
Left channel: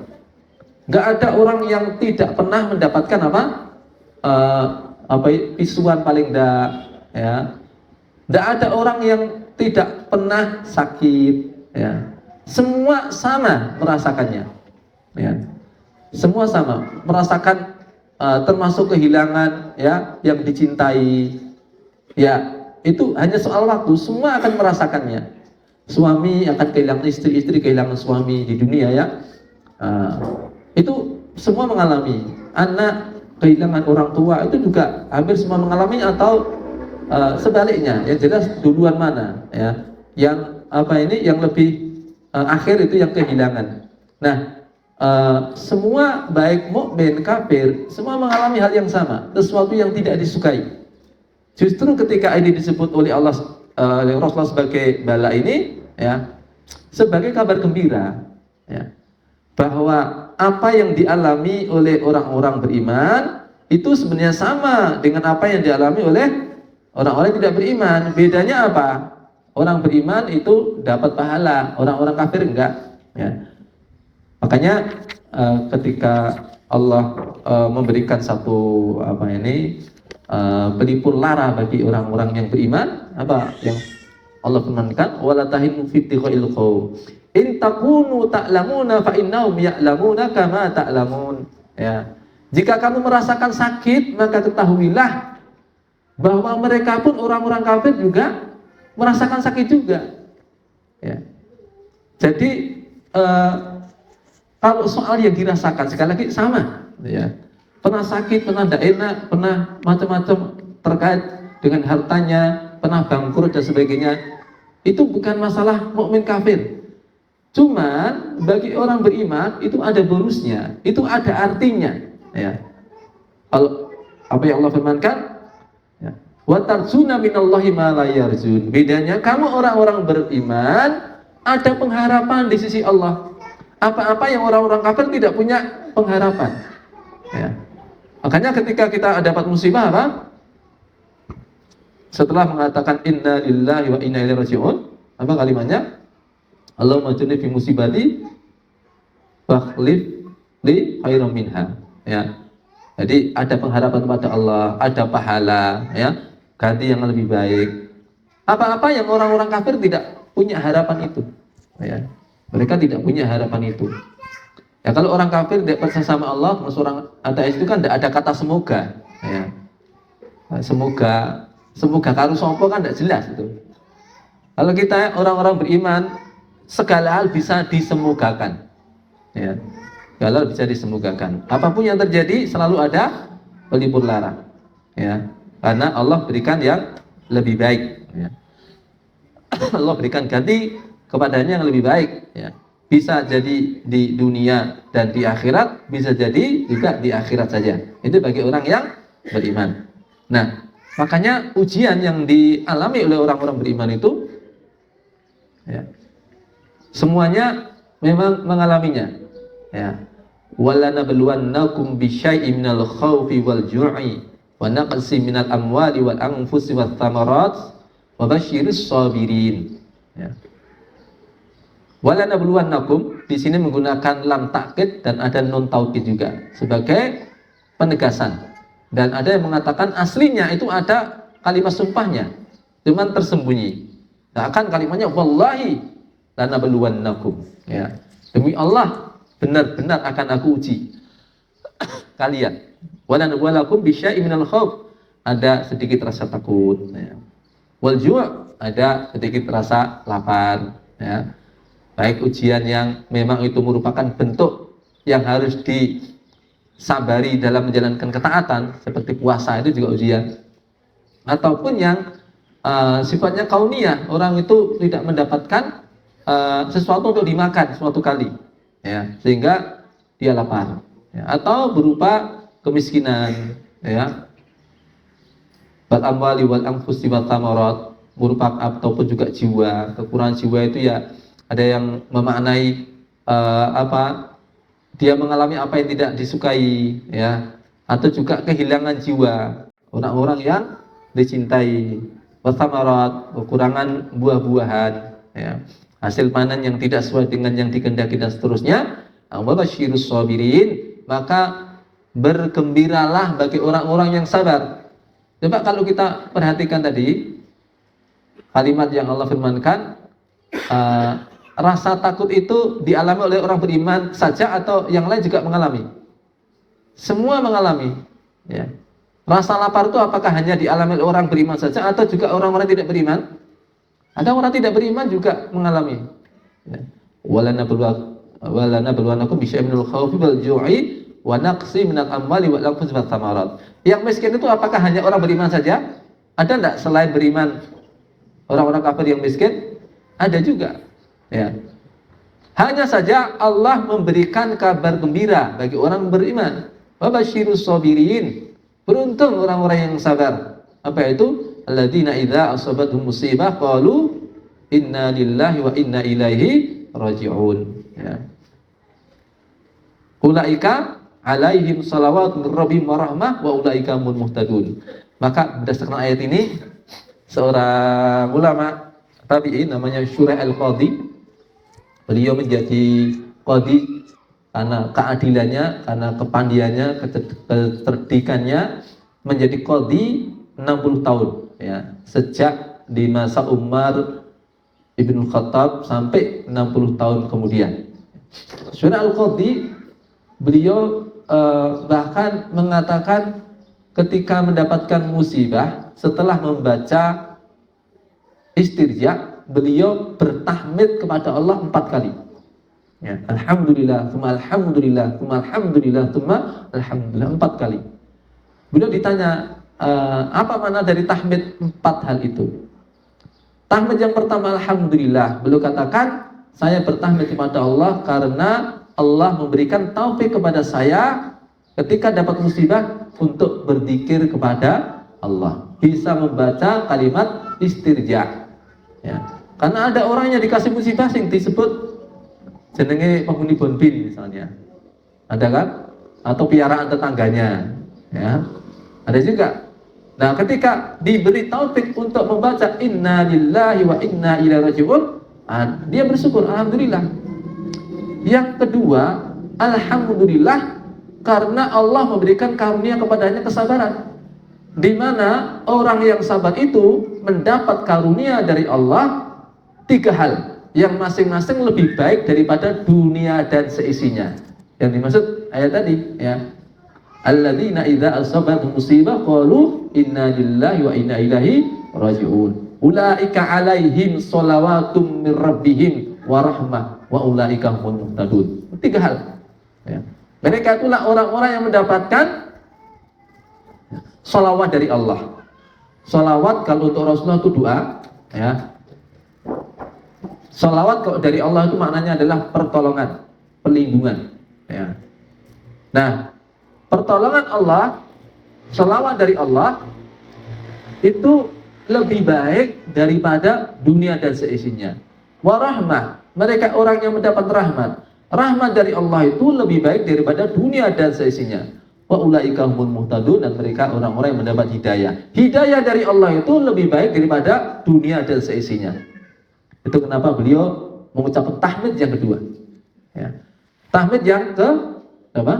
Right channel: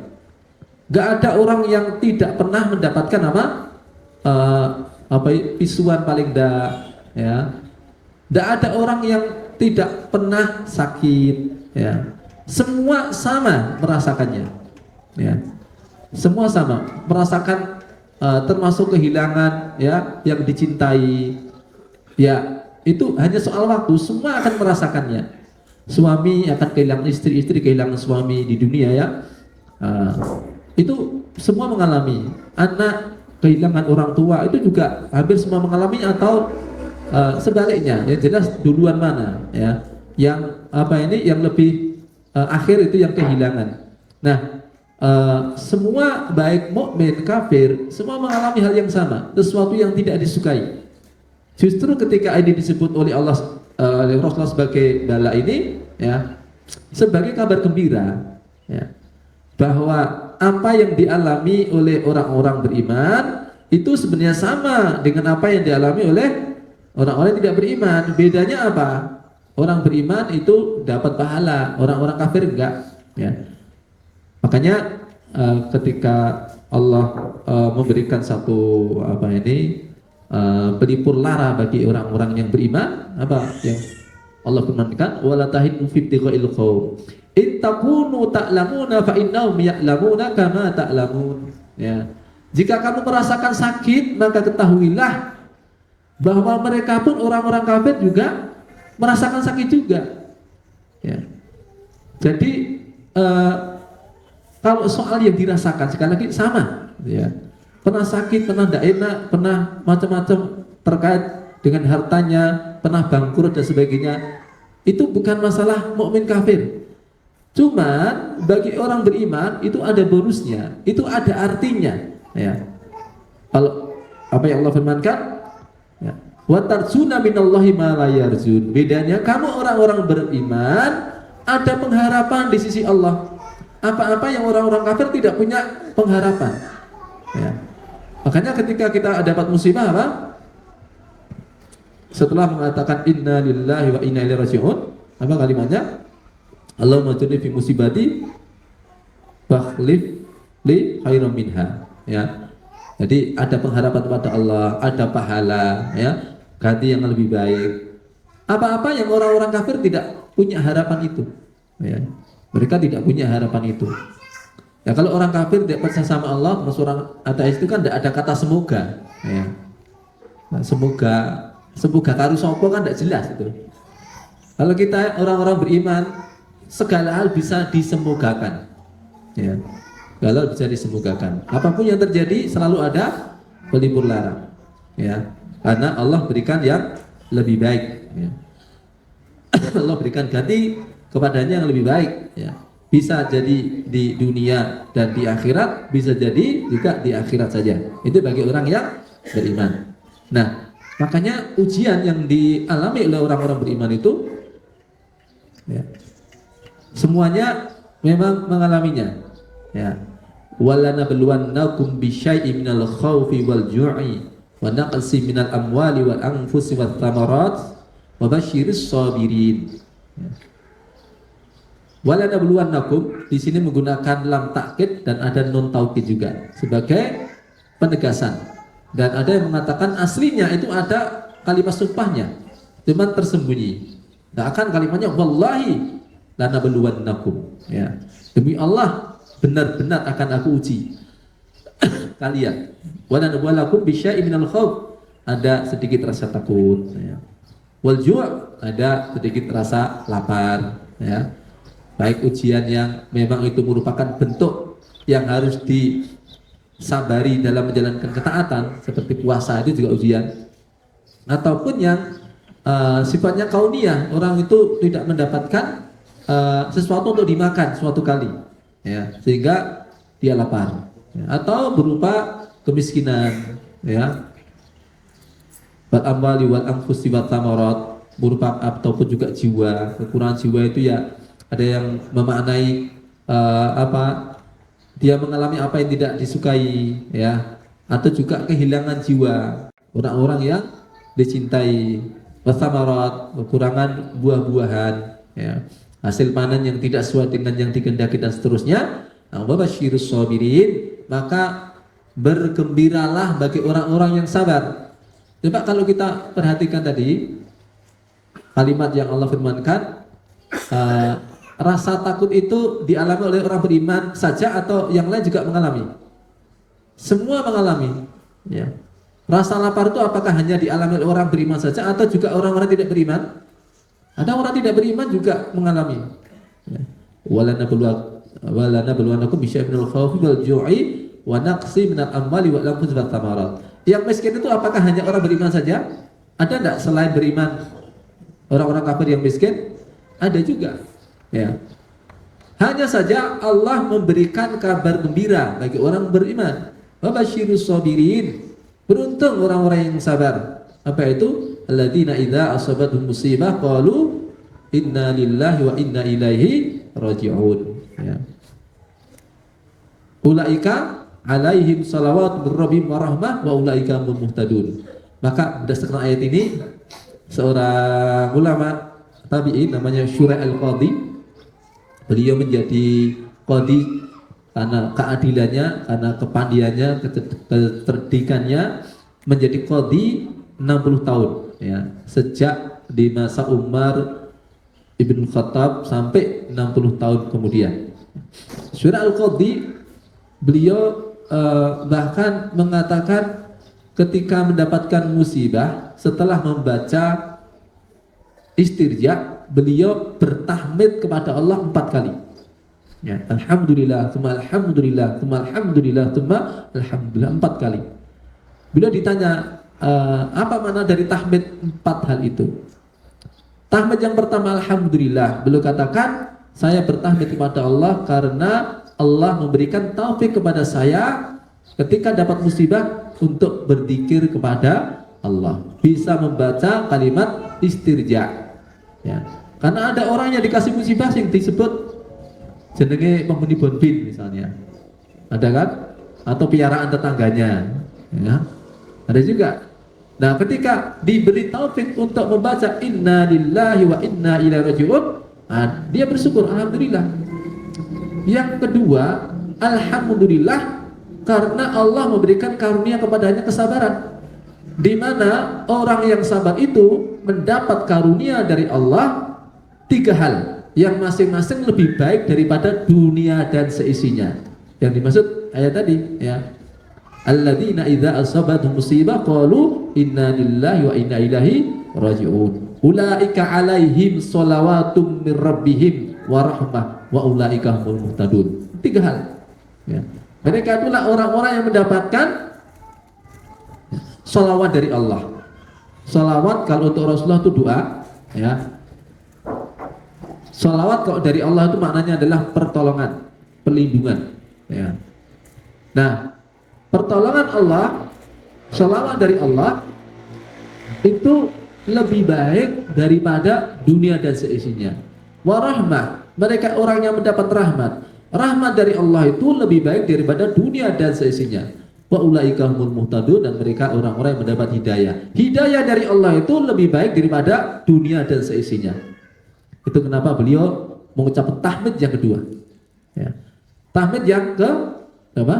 Gak ada orang yang tidak pernah mendapatkan pisuan paling enggak, ya. Gak ada orang yang tidak pernah sakit, ya. Semua sama merasakannya, ya. Semua sama merasakan, termasuk kehilangan, ya, yang dicintai, ya. Itu hanya soal waktu, semua akan merasakannya. Suami akan kehilangan istri, istri kehilangan suami di dunia, ya. Itu semua mengalami. Anak kehilangan orang tua, itu juga hampir semua mengalami, atau sebaliknya, ya, jelas duluan mana, ya. Yang yang lebih akhir itu yang kehilangan. Nah, semua baik mukmin kafir semua mengalami hal yang sama, sesuatu yang tidak disukai. Justru ketika ini disebut oleh Allah, oleh Rasulullah sebagai bala ini, ya, sebagai kabar gembira, ya, bahwa apa yang dialami oleh orang-orang beriman itu sebenarnya sama dengan apa yang dialami oleh orang-orang yang tidak beriman. Bedanya apa? Orang beriman itu dapat pahala, orang-orang kafir enggak, ya. Makanya ketika Allah memberikan satu pelipur lara bagi orang-orang yang beriman, apa yang Allah firmankan, wala tahinu fi ibtigha'il qaum in takunu ta'lamuna fa innahum ya'lamuna kama ta'lamun, ya. Jika kamu merasakan sakit, maka ketahuilah bahwa mereka pun orang-orang kafir juga merasakan sakit juga, ya. Jadi kalau soal yang dirasakan sekali lagi sama, ya. Pernah sakit, pernah tidak enak, pernah macam-macam terkait dengan hartanya, pernah bangkrut dan sebagainya. Itu bukan masalah mukmin kafir. Cuman bagi orang beriman itu ada bonusnya, itu ada artinya, ya. Kalau apa yang Allah firmankan, ya, wa tarzuna minallahi ma la yarzun. Bedanya kamu orang-orang beriman ada pengharapan di sisi Allah. Apa-apa yang orang-orang kafir tidak punya pengharapan, ya. Makanya ketika kita dapat musibah, apa? Setelah mengatakan inna lillahi wa inna ilaihi raji'un, apa kalimatnya? Allahumma ajirni fi musibati fakhlif li khairan minha, ya. Jadi ada pengharapan pada Allah, ada pahala, ya, ganti yang lebih baik. Apa-apa yang orang-orang kafir tidak punya harapan itu, ya. Mereka tidak punya harapan itu. Ya, kalau orang kafir tidak percaya sama Allah, orang ateis itu kan tidak ada kata semoga, ya. Nah, semoga karo sopo kan tidak jelas itu. Kalau kita orang-orang beriman, segala hal bisa disemogakan, ya. Segala hal bisa disemogakan. Apapun yang terjadi selalu ada pelipur lara, ya. Karena Allah berikan yang lebih baik, ya. Allah berikan ganti kepadanya yang lebih baik, ya. Bisa jadi di dunia dan di akhirat, bisa jadi juga di akhirat saja. Itu bagi orang yang beriman. Nah, makanya ujian yang dialami oleh orang-orang beriman itu, ya, semuanya memang mengalaminya, ya. Walanabluwannakum bisyai'in minal khaufi wal ju'i wa naqsi minal amwali wal anfusi wat thamarat wa basyiris sabirin, ya. Walanabluwannakum di sini menggunakan lam takkid dan ada nun taukid juga sebagai penegasan. Dan ada yang mengatakan aslinya itu ada kalimat sumpahnya, cuman tersembunyi. Nah, akan kalimatnya wallahi lanabluwannakum, ya. Demi Allah benar-benar akan aku uji kalian. Walanabluwannakum bisyai'in minal khauf, ada sedikit rasa takut, ya. Wal ju' ada sedikit rasa lapar, ya. Baik ujian yang memang itu merupakan bentuk yang harus disabari dalam menjalankan ketaatan seperti puasa, itu juga ujian, ataupun yang sifatnya kauniyah, orang itu tidak mendapatkan sesuatu untuk dimakan suatu kali, ya, sehingga dia lapar, ya. Atau berupa kemiskinan, ya, wal amwali wal anfusi wat thamarat, berupa ataupun juga jiwa, kekurangan jiwa itu ya. Ada yang memaknai dia mengalami apa yang tidak disukai, ya, atau juga kehilangan jiwa, orang-orang yang dicintai, wathamarat, kekurangan buah-buahan, ya, hasil panen yang tidak sesuai dengan yang dikehendaki dan seterusnya. Wa basyirus sabirin, maka bergembiralah bagi orang-orang yang sabar. Coba kalau kita perhatikan tadi kalimat yang Allah firmankan, rasa takut itu dialami oleh orang beriman saja atau yang lain juga mengalami? Semua mengalami, ya. Rasa lapar itu apakah hanya dialami oleh orang beriman saja atau juga orang-orang tidak beriman? Ada orang tidak beriman juga mengalami. Walanabluwannakum bisyai'in minal khaufi wal ju'i wa naqsi minal amwali wal anfusi wat thamarat. Yang miskin itu apakah hanya orang beriman saja? Ada enggak selain beriman orang-orang kafir yang miskin? Ada juga. Ya. Hanya saja Allah memberikan kabar gembira bagi orang beriman. Wa basyirus sabirin. Beruntung orang-orang yang sabar. Apa itu? Alladzina idza asabatuhum musibah qalu inna lillahi wa inna ilaihi raji'un. Ya. Ulaika alaihim salawatu mir rabbihim wa rahmah wa ulaika humul muhtadun. Maka berdasarkan ayat ini, seorang ulama tabi'in namanya Syurah al-Qadhi, beliau menjadi qadhi karena keadilannya, karena kepandiannya, kecerdikannya, menjadi qadhi 60 tahun, ya, sejak di masa Umar Ibn Khattab sampai 60 tahun kemudian. Syurah al-Qadhi, beliau bahkan mengatakan ketika mendapatkan musibah setelah membaca istirja, beliau bertahmid kepada Allah 4 kali, ya. Alhamdulillah, tsumma alhamdulillah, tsumma alhamdulillah, tsumma alhamdulillah, 4 kali. Beliau ditanya, apa makna dari tahmid 4 hal itu? Tahmid yang pertama alhamdulillah, beliau katakan, saya bertahmid kepada Allah karena Allah memberikan taufik kepada saya ketika dapat musibah untuk berzikir kepada Allah, bisa membaca kalimat istirja, ya. Karena ada orang yang dikasih musibah yang disebut jenenge penghuni bonbin misalnya, ada kan? Atau piaraan tetangganya, ya. Ada juga. Nah, ketika diberi taufik untuk membaca inna lillahi wa inna ilaihi raji'un, dia bersyukur, alhamdulillah. Yang kedua, alhamdulillah karena Allah memberikan karunia kepadanya kesabaran, di mana orang yang sabar itu mendapat karunia dari Allah 3 hal yang masing-masing lebih baik daripada dunia dan seisinya. Yang dimaksud ayat tadi, ya, alladzina idza asabatuhum musibah qalu inna lillahi wa inna ilaihi raji'un. Ulaika alaihim shalawatum mir rabbihim wa rahmah wa ulaika humul muhtadun. 3 hal, ya. Mereka itulah orang-orang yang mendapatkan salawat dari Allah. Salawat kalau untuk Rasulullah itu doa, ya. Sholawat kalau dari Allah itu maknanya adalah pertolongan, perlindungan. Ya. Nah, pertolongan Allah, sholawat dari Allah itu lebih baik daripada dunia dan seisinya. Warahmah, mereka orang yang mendapat rahmat. Rahmat dari Allah itu lebih baik daripada dunia dan seisinya. Wa ulaika humul muhtadun, dan mereka orang-orang yang mendapat hidayah. Hidayah dari Allah itu lebih baik daripada dunia dan seisinya. Itu kenapa beliau mengucapkan tahmid yang kedua. Ya. Tahmid yang ke apa?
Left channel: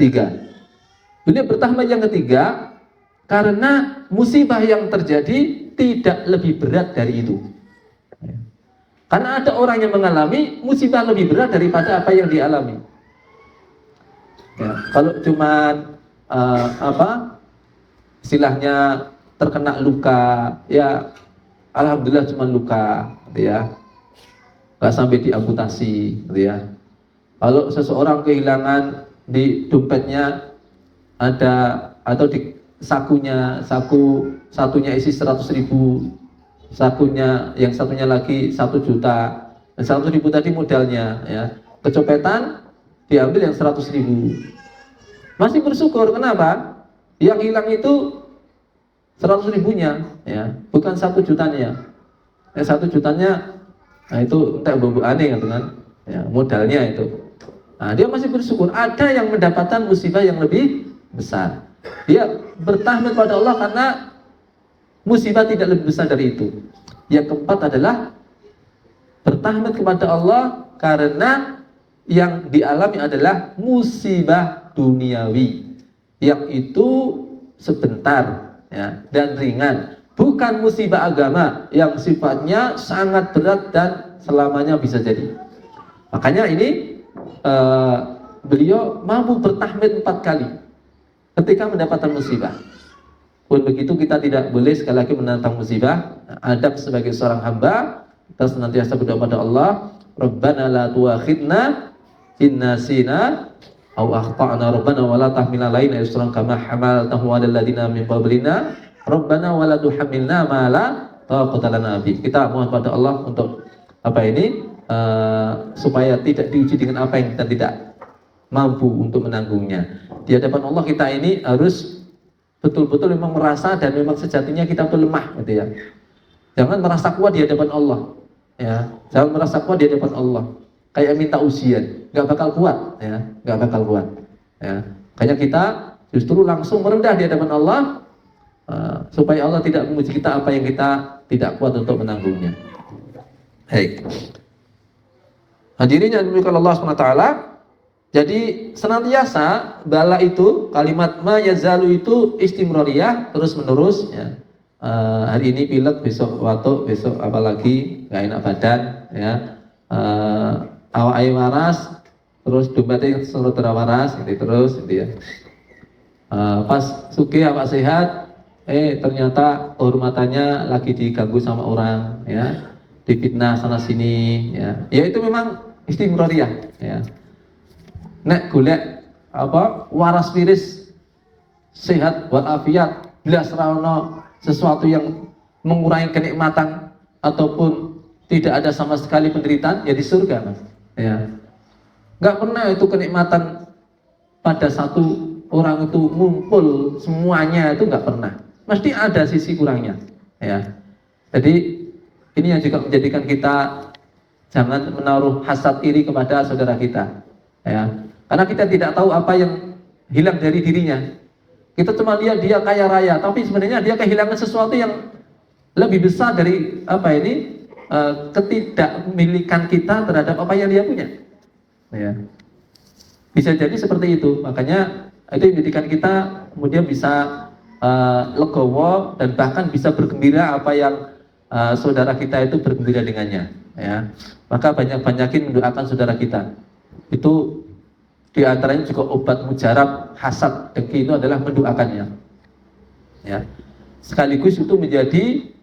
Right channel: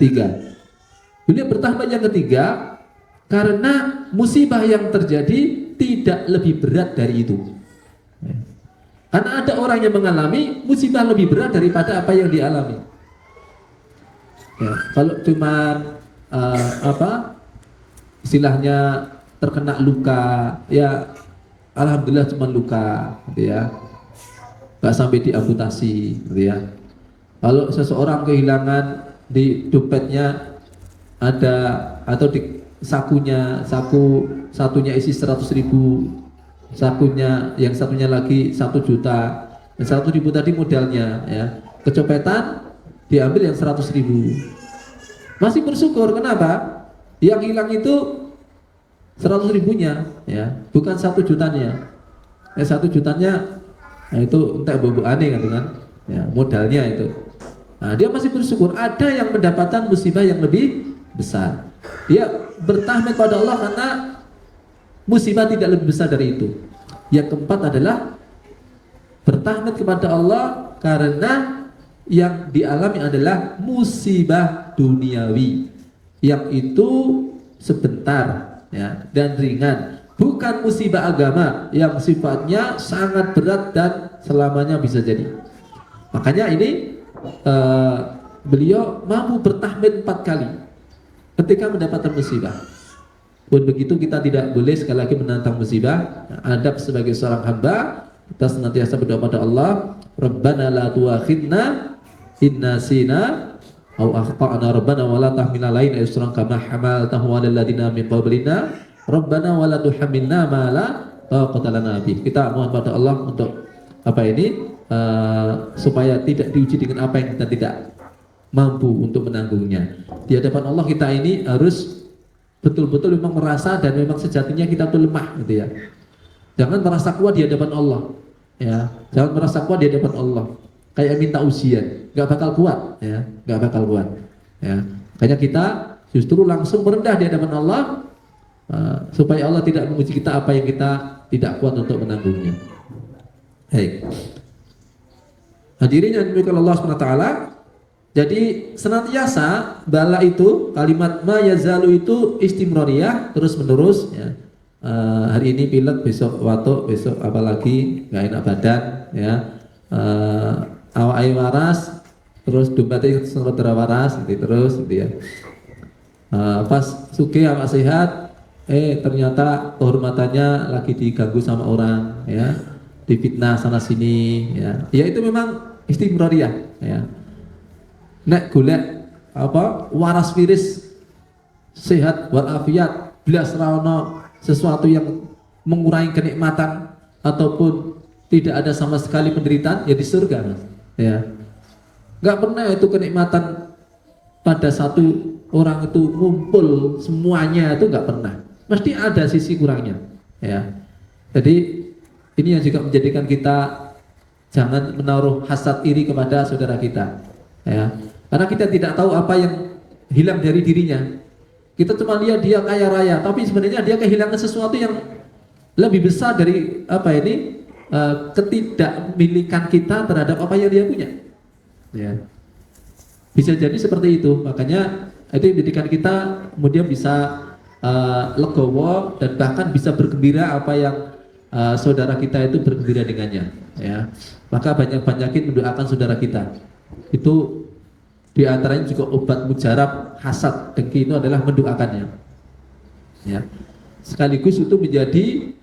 3. Beliau bertahmid yang ketiga karena musibah yang terjadi tidak lebih berat dari itu. Ya. Karena ada orang yang mengalami musibah lebih berat daripada apa yang dialami. Ya, kalau cuma istilahnya terkena luka, ya alhamdulillah cuma luka, gitu ya, nggak sampai diamputasi, gitu ya. Kalau seseorang kehilangan di dompetnya ada, atau di satunya isi 100.000, yang satunya lagi 1 juta, dan 100.000 tadi modalnya, ya, kecopetan diambil yang 100.000, masih bersyukur. Kenapa? Yang hilang itu 100.000-nya, ya, bukan 1 jutanya. 1 jutanya, nah itu entah bobo aneh gitu kan, ya, modalnya itu. Nah, dia masih bersyukur. Ada yang mendapatkan musibah yang lebih besar. Dia bertahmid pada Allah karena musibah tidak lebih besar dari itu. Yang keempat adalah bertahmid kepada Allah karena yang dialami adalah musibah duniawi, yang itu sebentar, ya, dan ringan, bukan musibah agama yang sifatnya sangat berat dan selamanya bisa jadi. Makanya ini beliau mampu bertahmid 4 kali ketika mendapatkan musibah. Pun begitu, kita tidak boleh sekali lagi menantang musibah. Adab sebagai seorang hamba, kita senantiasa berdoa pada Allah, Rabbana la tuakhidna inna sina au akhtana, Rabbana wa la tahmil alaina isran kama hamaltahu 'alal ladina min qablina, Rabbana wa la tuhammilna ma la taqata lana bih. Kita mohon pada Allah untuk supaya tidak diuji dengan apa yang kita tidak mampu untuk menanggungnya. Di hadapan Allah kita ini harus betul-betul memang merasa, dan memang sejatinya kita tuh lemah, gitu ya. Jangan merasa kuat di hadapan Allah, ya. Jangan merasa kuat di hadapan Allah kayak minta ujian, nggak bakal kuat, ya, nggak bakal kuat, ya. Kayaknya kita justru langsung merendah di hadapan Allah, supaya Allah tidak menguji kita apa yang kita tidak kuat untuk menanggungnya. Hei, hadirin yang dimuliakan Allah SWT. Jadi senantiasa bala itu, kalimat ma yazalu itu istimroriyah, terus menerus, ya. Hari ini pilek, besok watuk, besok apalagi nggak enak badan, ya. Awak ayu waras, terus dompetnya suruh terawaras, gitu terus, gitu ya. Pas suki awak sehat, ternyata kehormatannya lagi diganggu sama orang, ya, difitnah sana sini, ya. Ya itu memang istimroriyah, ya. Nek golek waras wiris sehat walafiat, bila serono sesuatu yang mengurangi kenikmatan ataupun tidak ada sama sekali penderitaan, ya di surga, Mas. Ya. Nggak pernah itu kenikmatan pada satu orang itu ngumpul semuanya, itu nggak pernah. Mesti ada sisi kurangnya, ya. Jadi ini yang juga menjadikan kita jangan menaruh hasad iri kepada saudara kita, ya. Karena kita tidak tahu apa yang hilang dari dirinya. Kita cuma lihat dia kaya raya, tapi sebenarnya dia kehilangan sesuatu yang lebih besar dari ketidakmilikan kita terhadap apa yang dia punya, ya. Bisa jadi seperti itu. Makanya itu menjadikan kita kemudian bisa legowo, dan bahkan bisa bergembira apa yang saudara kita itu bergembira dengannya, ya. Maka banyak-banyakin mendoakan saudara kita. Itu di antaranya juga obat mujarab hasad dengki, itu adalah mendoakannya, ya. Sekaligus itu menjadi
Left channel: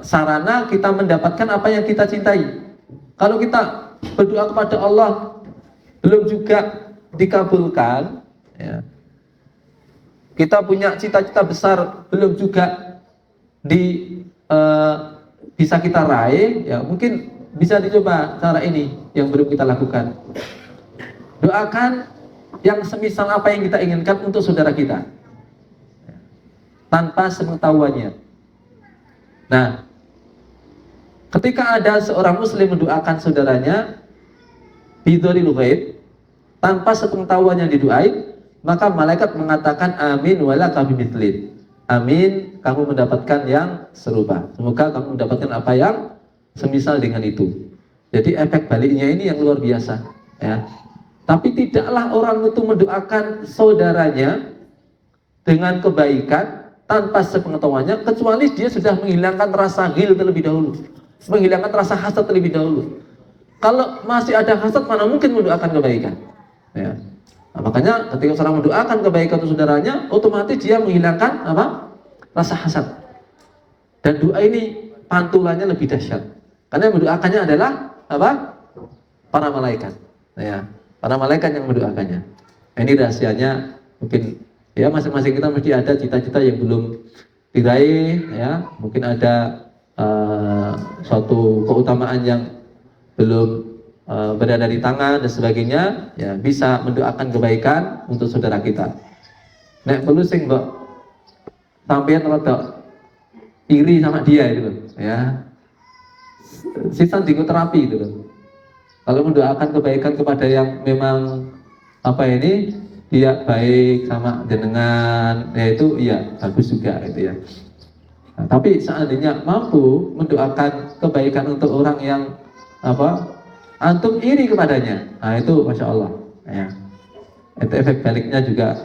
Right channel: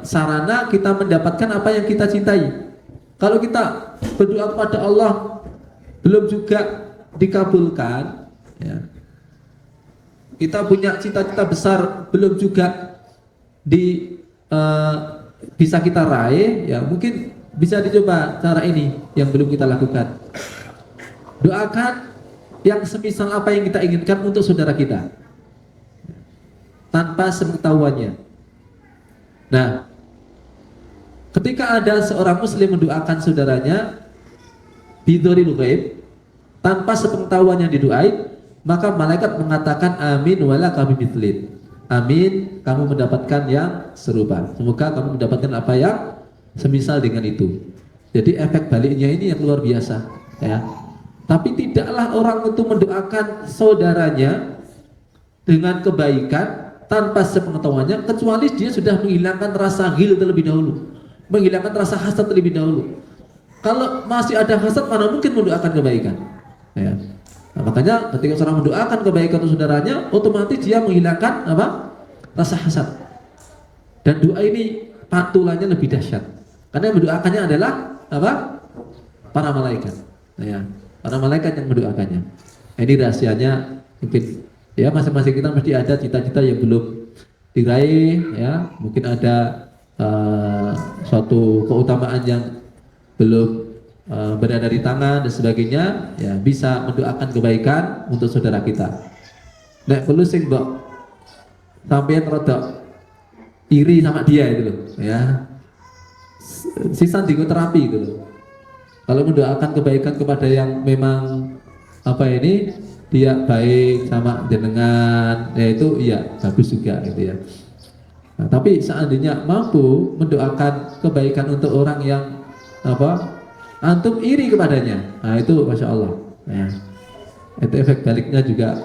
sarana kita mendapatkan apa yang kita cintai. Kalau kita berdoa kepada Allah belum juga dikabulkan, ya, kita punya cita-cita besar belum juga bisa kita raih, ya mungkin bisa dicoba cara ini yang belum kita lakukan. Doakan yang semisal apa yang kita inginkan untuk saudara kita tanpa sepengetahuannya. Nah, ketika ada seorang muslim mendoakan saudaranya bidharil ghaib tanpa sepengetahuannya didoain, maka malaikat mengatakan amin wala kabimithlit. Amin, kamu mendapatkan yang serupa. Semoga kamu mendapatkan apa yang semisal dengan itu. Jadi efek baliknya ini yang luar biasa, ya. Tapi tidaklah orang itu mendoakan saudaranya dengan kebaikan tanpa sepengetahuannya, kecuali dia sudah menghilangkan rasa ghil terlebih dahulu, menghilangkan rasa hasad terlebih dahulu. Kalau masih ada hasad, mana mungkin mendoakan kebaikan, ya. Nah, makanya ketika seorang mendoakan kebaikan untuk saudaranya, otomatis dia menghilangkan apa? Rasa hasad. Dan doa ini pantulannya lebih dahsyat. Karena yang mendoakannya adalah apa? Para malaikat. Ya, para malaikat yang mendoakannya. Nah, ini rahasianya mungkin ya masing-masing kita mesti ada cita-cita yang belum diraih, ya. Mungkin ada suatu keutamaan yang belum berada di tangan dan sebagainya, ya bisa mendoakan kebaikan untuk saudara kita. Nek perlu sing mbok sampeyan rodok iri sama dia itu loh, ya. Sisa terapi itu loh. Kalau mendoakan kebaikan kepada yang memang apa ini dia baik sama jenengan, ya itu iya bagus juga gitu ya. Nah, tapi seandainya mampu mendoakan kebaikan untuk orang yang apa antum iri kepadanya, nah itu masya Allah, ya. Itu efek baliknya juga.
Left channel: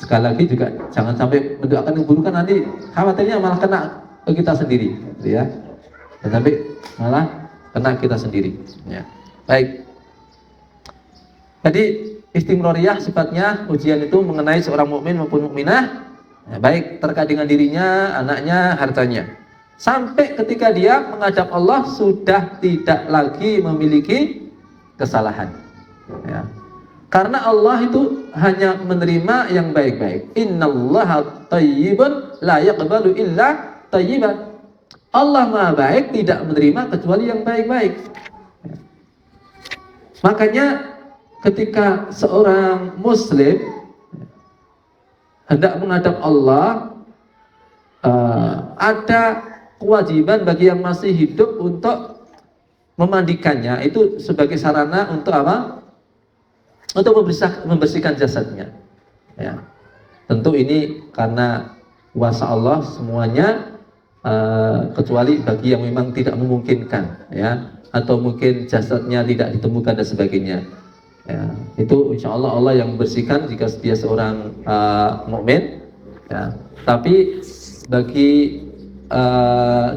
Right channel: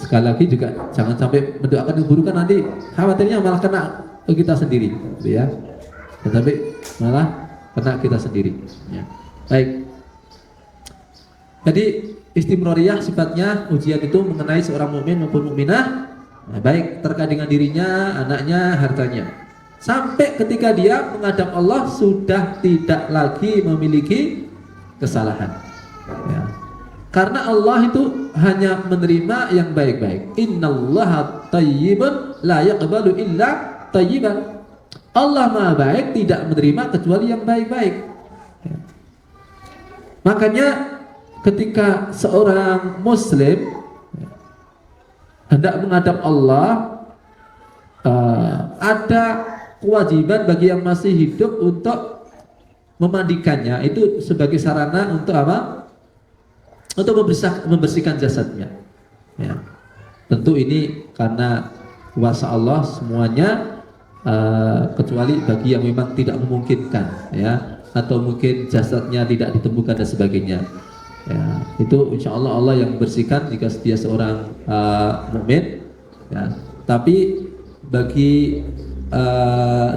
Sekali lagi juga jangan sampai mendoakan yang buruk, kan nanti khawatirnya malah kena kita sendiri, gitu ya. Tetapi malah kena kita sendiri, ya. Baik. Jadi istimroriyah sifatnya ujian itu mengenai seorang mukmin maupun mukminah, ya, baik terkait dengan dirinya, anaknya, hartanya. Sampai ketika dia menghadap Allah sudah tidak lagi memiliki kesalahan, ya. Karena Allah itu hanya menerima yang baik-baik. Innallaha thayyibun la yaqbalu illa thayyiban. Allah Maha baik, tidak menerima kecuali yang baik-baik, ya. Makanya ketika seorang muslim hendak menghadap Allah, ada kewajiban bagi yang masih hidup untuk memandikannya, itu sebagai sarana untuk apa? Untuk membersihkan jasadnya, ya. Tentu ini karena kuasa Allah semuanya, kecuali bagi yang memang tidak memungkinkan, ya, atau mungkin jasadnya tidak ditemukan dan sebagainya, ya. Itu insya Allah Allah yang membersihkan jika dia seorang mukmin, ya. Tapi bagi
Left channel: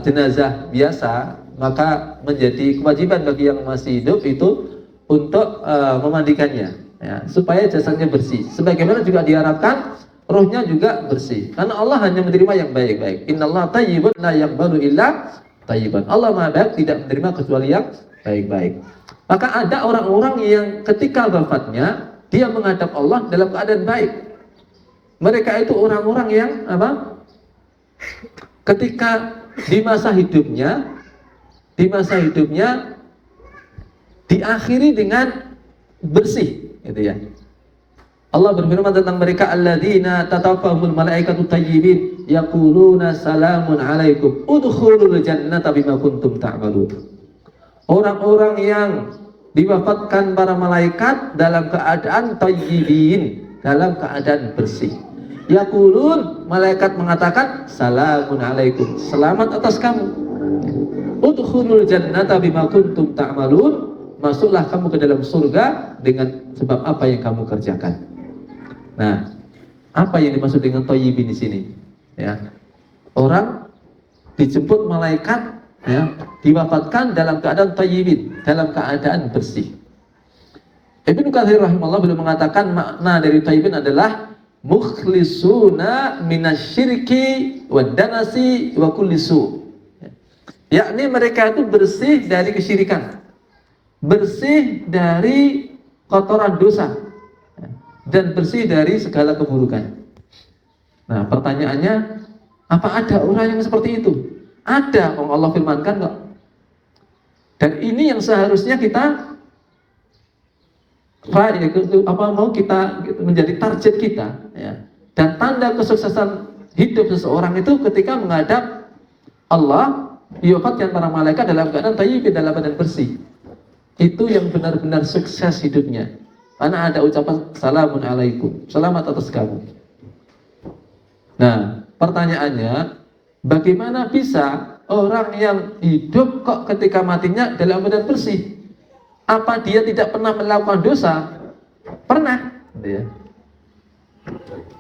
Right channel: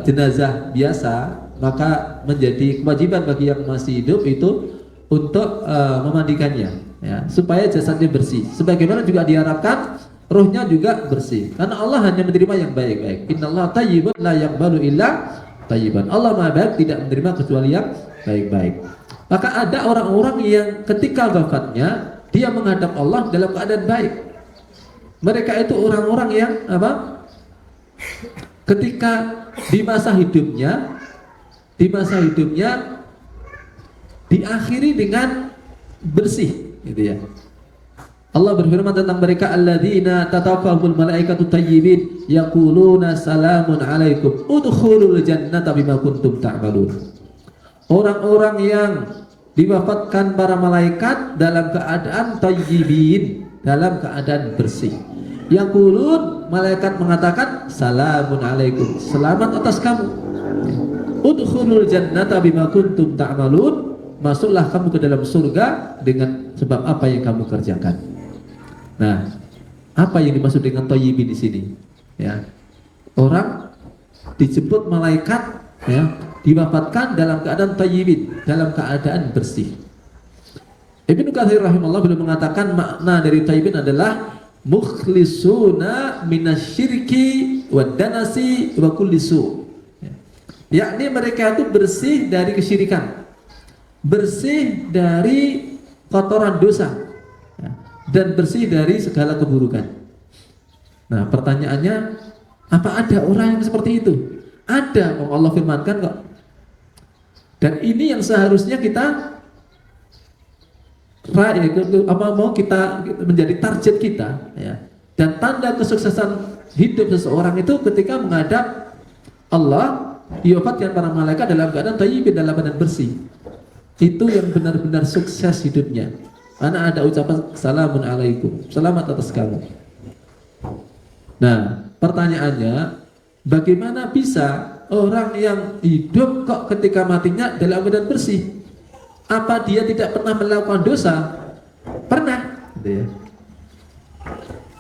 jenazah biasa, maka menjadi kewajiban bagi yang masih hidup itu untuk memandikannya, ya, supaya jasadnya bersih. Sebagaimana juga diharapkan rohnya juga bersih. Karena Allah hanya menerima yang baik-baik. Innallaha thayyibun la yaqbalu illa thayyiban. Allah Maha baik, tidak menerima kecuali yang baik-baik. Maka ada orang-orang yang ketika wafatnya dia menghadap Allah dalam keadaan baik. Mereka itu orang-orang yang apa? Ketika di masa hidupnya diakhiri dengan bersih, gitu ya. Allah berfirman tentang mereka, alladzina tatawafahumul malaikatu thayyibin yaquluna salamun alaikum udkhulul jannata bima kuntum ta'malun. Orang-orang yang diwafatkan para malaikat dalam keadaan thayyibin, dalam keadaan bersih. Yaqulun, malaikat mengatakan salamun alaikum, selamat atas kamu. Udkhulul jannata bima kuntum ta'malun, masuklah kamu ke dalam surga dengan sebab apa yang kamu kerjakan. Nah, apa yang dimaksud dengan thayyibin di sini? Ya, orang dijemput malaikat, ya, diwafatkan dalam keadaan thayyibin, dalam keadaan bersih. Ibnu Katsir rahimahullah beliau mengatakan makna dari thayyibin adalah mukhlisuna minasyirki wad danasi wa kulli su. Yakni mereka itu bersih dari kesyirikan, bersih dari kotoran dosa, dan bersih dari segala keburukan. Nah, pertanyaannya, apa ada orang yang seperti itu? Ada, Allah firmankan kok. Dan ini yang seharusnya kita mau kita menjadi target kita, ya. Dan tanda kesuksesan hidup seseorang itu ketika menghadap Allah, diwafatkan para malaikat dalam keadaan thayyib, dalam keadaan bersih. Itu yang benar-benar sukses hidupnya. Karena ada ucapan salamun alaikum, selamat atas kamu. Nah, pertanyaannya, bagaimana bisa orang yang hidup kok ketika matinya dalam keadaan bersih? Apa dia tidak pernah melakukan dosa? Pernah, ya.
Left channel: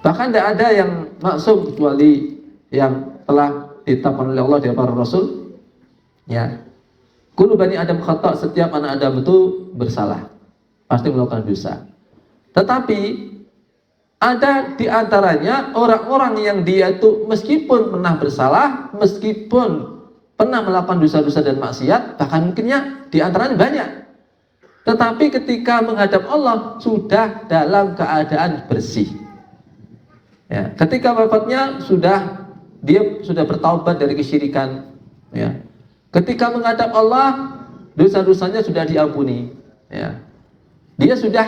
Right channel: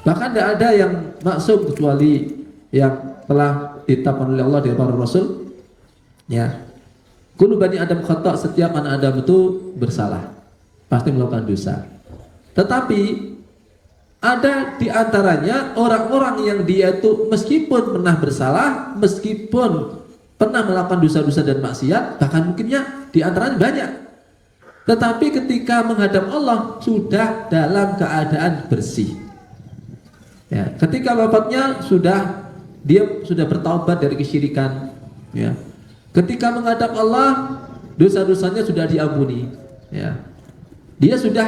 Bahkan tidak ada yang maksum kecuali yang telah ditetapkan oleh Allah dan para Rasul. Ya, kullu bani Adam khata', setiap anak Adam itu bersalah, pasti melakukan dosa. Tetapi ada di antaranya orang-orang yang dia itu meskipun pernah bersalah, meskipun pernah melakukan dosa-dosa dan maksiat, bahkan mungkinnya di antaranya banyak. Tetapi ketika menghadap Allah sudah dalam keadaan bersih. Ya, ketika wafatnya dia sudah bertaubat dari kesyirikan. Ya. Ketika menghadap Allah, dosa-dosanya sudah diampuni. Ya. Dia sudah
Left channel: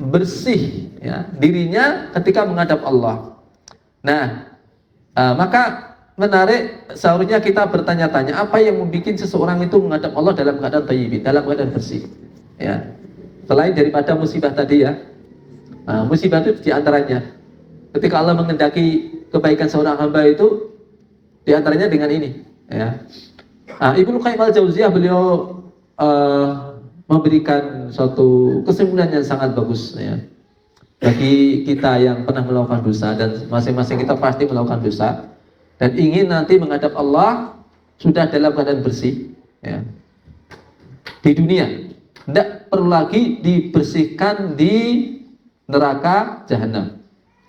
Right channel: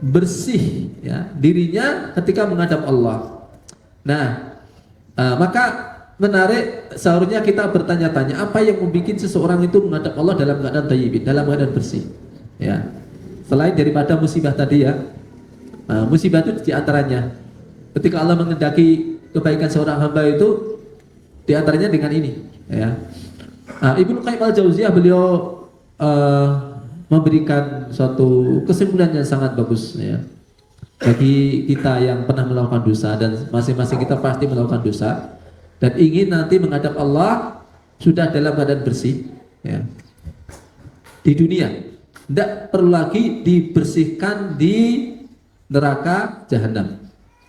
bersih, ya, dirinya ketika menghadap Allah. Nah, maka menarik seharusnya kita bertanya-tanya, apa yang membuat seseorang itu menghadap Allah dalam keadaan thayyib, dalam keadaan bersih. Ya, selain daripada musibah tadi, ya, musibah itu diantaranya ketika Allah mengendaki kebaikan seorang hamba itu diantaranya dengan ini, ya. Ibnu Qayyim al-Jauziyah beliau memberikan suatu kesimpulan yang sangat bagus, ya, bagi kita yang pernah melakukan dosa, dan masing-masing kita pasti melakukan dosa dan ingin nanti menghadap Allah sudah dalam keadaan bersih, ya. Di dunia tidak perlu lagi dibersihkan di neraka jahanam,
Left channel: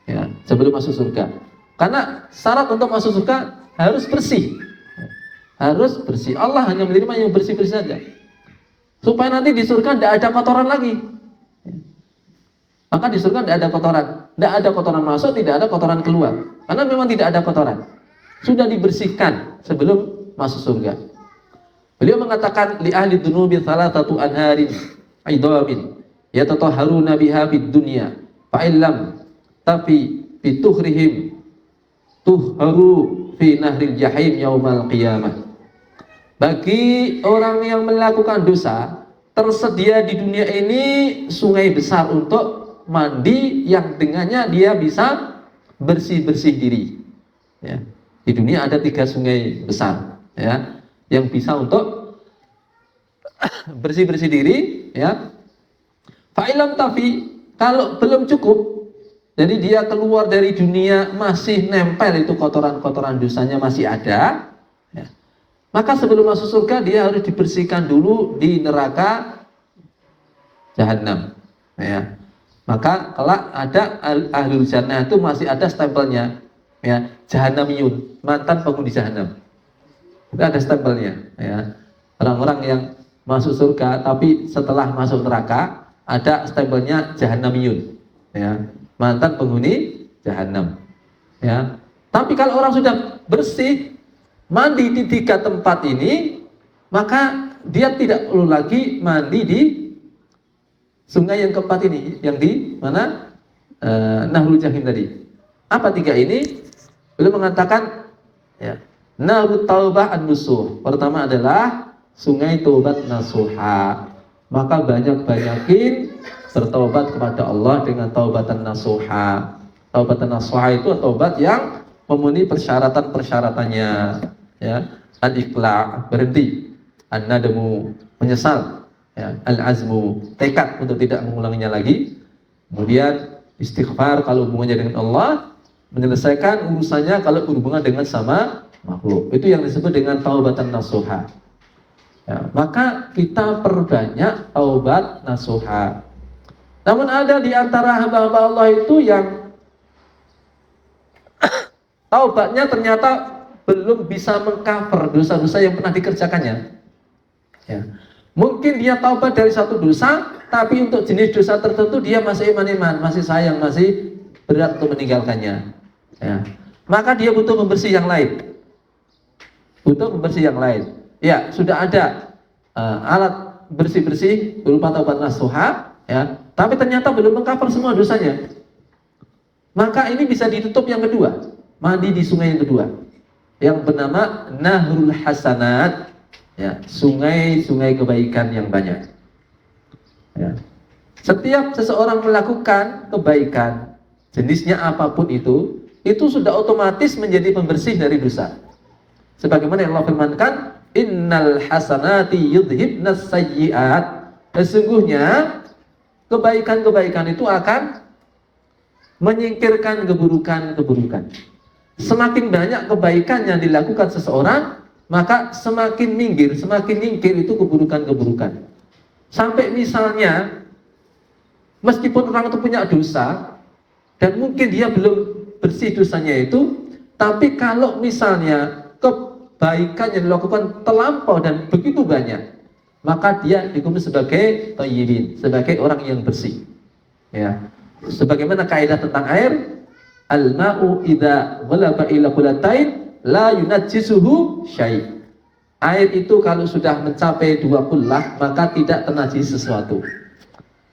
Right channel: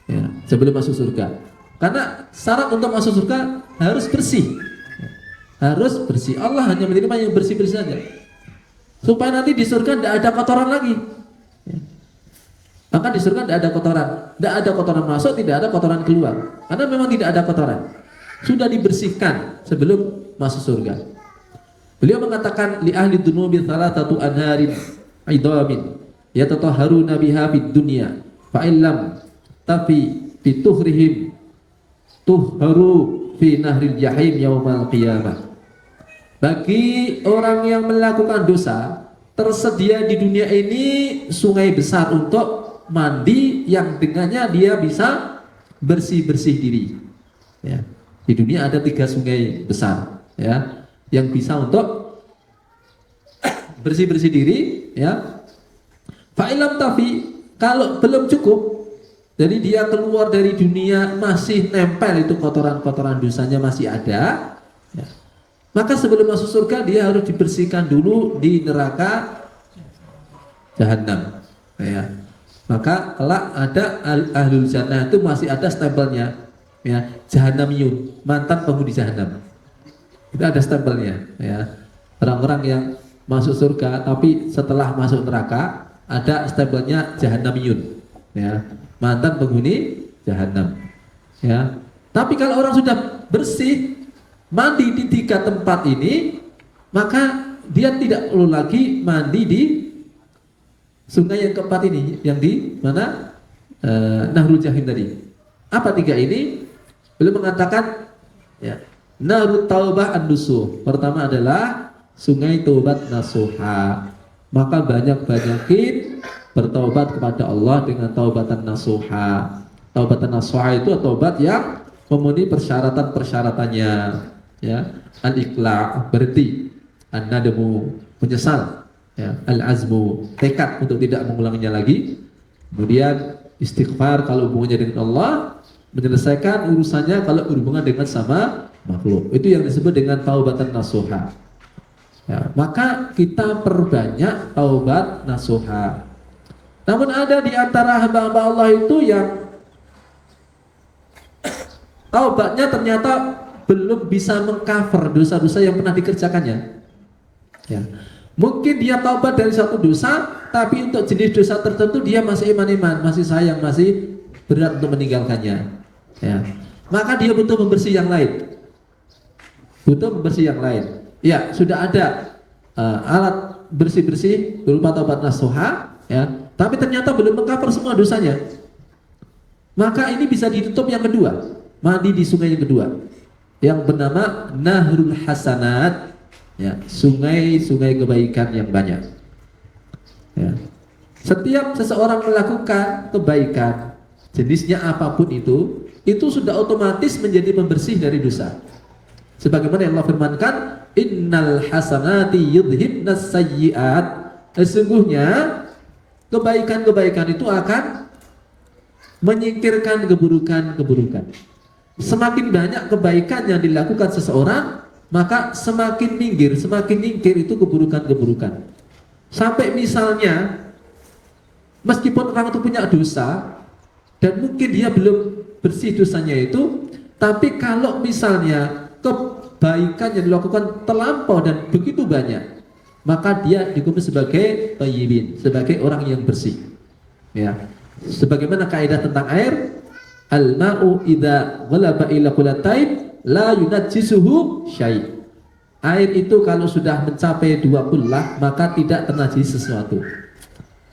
ya, sebelum masuk surga. Karena syarat untuk masuk surga harus bersih, harus bersih. Allah hanya menerima yang bersih-bersih saja, supaya nanti di surga tidak ada kotoran lagi. Maka di surga tidak ada kotoran, tidak ada kotoran masuk, tidak ada kotoran keluar. Karena memang tidak ada kotoran, sudah dibersihkan sebelum masuk surga. Beliau mengatakan li ahli dunubi thalathatu anharin idhamin yatatahharuna biha fid dunya fa illam tafi bi tuhrihim tuhharu fi nahril jahim yaumal qiyamah. Bagi orang yang melakukan dosa, tersedia di dunia ini sungai besar untuk mandi yang dengannya dia bisa bersih-bersih diri. Ya. Di dunia ada 3 sungai besar, ya, yang bisa untuk bersih-bersih diri, ya. Fa'ilam tafi, kalau belum cukup, jadi dia keluar dari dunia masih nempel itu kotoran-kotoran dosanya masih ada, ya. Maka sebelum masuk surga dia harus dibersihkan dulu di neraka jahanam, ya. Maka kalau ada ahlul jannah itu masih ada stempelnya, ya, jahanamiyun, mantan penghuni jahanam. Itu ada stempelnya, ya. Orang-orang yang masuk surga tapi setelah masuk neraka ada stempelnya jahanamiyun, ya, mantan penghuni jahanam, ya. Tapi kalau orang sudah bersih mandi di 3 tempat ini, maka dia tidak perlu lagi mandi di sungai yang keempat ini, yang di mana Nahrul Jahim tadi. Apa 3 ini? Beliau mengatakan, ya, Nahrut Taubah an-Nusuh. Pertama adalah sungai taubat nasuha. Maka banyak-banyakin bertaubat kepada Allah dengan taubatan nasuha. Taubatan nasuha itu taubat yang memenuhi persyaratan-persyaratannya, ya. Al-iqla', berhenti. An-nadamu, menyesal, ya. Al-azmu, tekad untuk tidak mengulanginya lagi. Kemudian istighfar kalau hubungannya dengan Allah, menyelesaikan urusannya kalau berhubungan dengan sama makhluk. Itu yang disebut dengan taubatan nasuha. Ya, maka kita perbanyak taubat nasuha. Namun ada di antara hamba-hamba Allah itu yang taubatnya ternyata belum bisa mengcover dosa-dosa yang pernah dikerjakannya. Ya. Mungkin dia taubat dari satu dosa, tapi untuk jenis dosa tertentu dia masih iman-iman, masih sayang, masih berat untuk meninggalkannya. Ya. Maka dia butuh membersih yang lain. butuh pembersih yang lain. Ya, sudah ada alat bersih-bersih berupa taubat nasuha, ya, tapi ternyata belum mengcover semua dosanya. Maka ini bisa ditutup yang kedua, mandi di sungai yang kedua, yang bernama Nahrul Hasanat, ya, sungai-sungai kebaikan yang banyak. Ya. Setiap seseorang melakukan kebaikan, jenisnya apapun itu sudah otomatis menjadi pembersih dari dosa. Sebagaimana yang Allah firmankan, innal hasanati yudhibnas sayyi'at. Sesungguhnya kebaikan-kebaikan itu akan menyingkirkan keburukan-keburukan. Semakin banyak kebaikan yang dilakukan seseorang, maka semakin minggir itu keburukan-keburukan. Sampai misalnya, meskipun orang itu punya dosa, dan mungkin dia belum bersih dosanya itu, tapi kalau misalnya kebaikan yang dilakukan terlampau dan begitu banyak, maka dia dihukum sebagai thayyibin, sebagai orang yang bersih. Ya. Sebagaimana kaidah tentang air, al-ma'u idza ghalaba ila qullatain la yunajjisuhu syai'. Air itu kalau sudah mencapai 2 kullah, maka tidak ternajis sesuatu.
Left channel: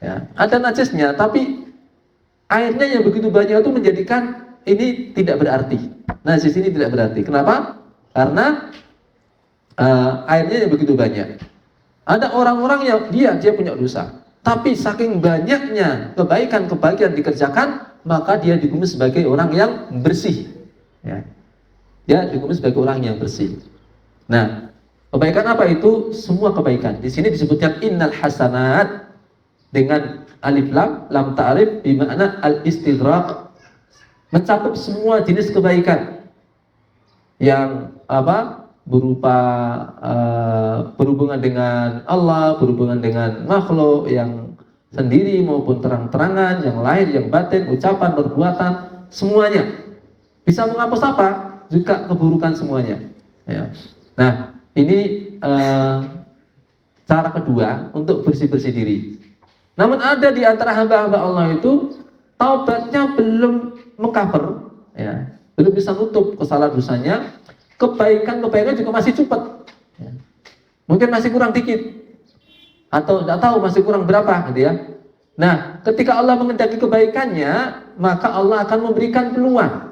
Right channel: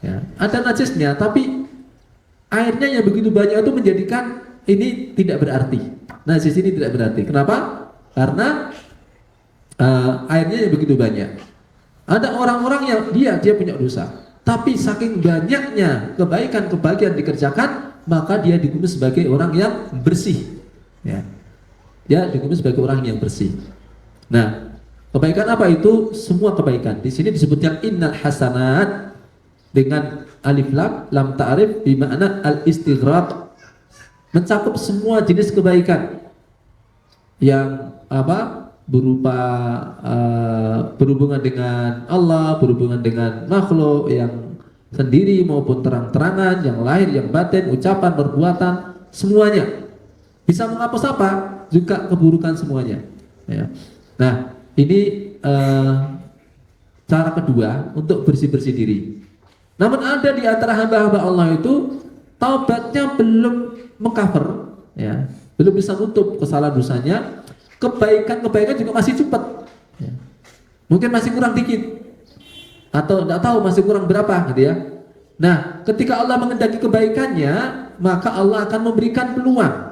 Ya. Ada najisnya, tapi airnya yang begitu banyak itu menjadikan ini tidak berarti. Najis ini tidak berarti. Kenapa? Karena airnya yang begitu banyak. Ada orang-orang yang dia punya dosa, tapi saking banyaknya kebaikan-kebaikan dikerjakan, maka dia dihukum sebagai orang yang bersih. Ya. Dia dihukum sebagai orang yang bersih. Nah, kebaikan apa itu? Semua kebaikan. Di sini disebutkan innal hasanat dengan alif lam ta'rif bermakna al-istighraq, mencakup semua jenis kebaikan yang berupa berhubungan dengan Allah, berhubungan dengan makhluk yang sendiri maupun terang-terangan, yang lahir, yang batin, ucapan, perbuatan, semuanya. Bisa menghapus apa? Juga keburukan semuanya. Ya. Nah, ini cara kedua untuk bersih-bersih diri. Namun ada di antara hamba-hamba Allah itu taubatnya belum mengcover, ya, belum bisa nutup kesalahan dosanya, kebaikan-kebaikan juga masih cepat, ya. Mungkin masih kurang dikit, atau tidak tahu masih kurang berapa, gitu ya. Nah, ketika Allah mengendaki kebaikannya, maka Allah akan memberikan peluang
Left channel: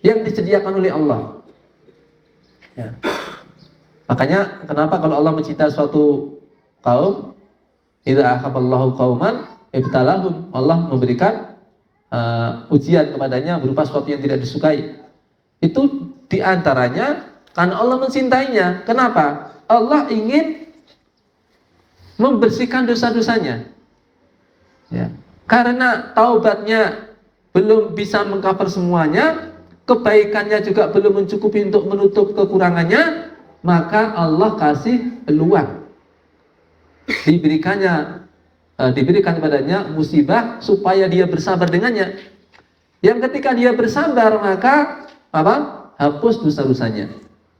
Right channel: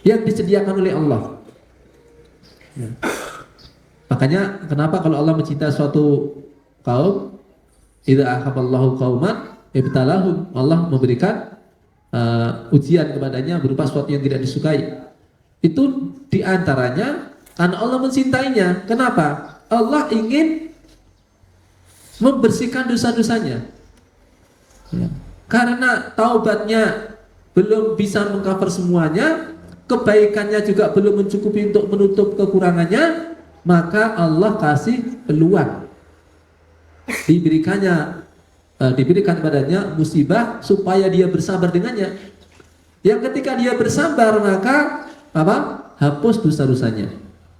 yang disediakan oleh Allah. Ya. Makanya kenapa kalau Allah mencintai suatu kaum, idza ahabballahu qauman ibtalahum, Allah memberikan ujian kepadanya berupa sesuatu yang tidak disukai. Itu diantaranya karena Allah mencintainya. Kenapa? Allah ingin membersihkan dosa-dosanya. Ya. Karena taubatnya belum bisa mengcover semuanya, kebaikannya juga belum mencukupi untuk menutup kekurangannya, maka Allah kasih peluang. Diberikan padanya musibah supaya dia bersabar dengannya. Yang ketika dia bersabar, maka hapus dosa-dosanya.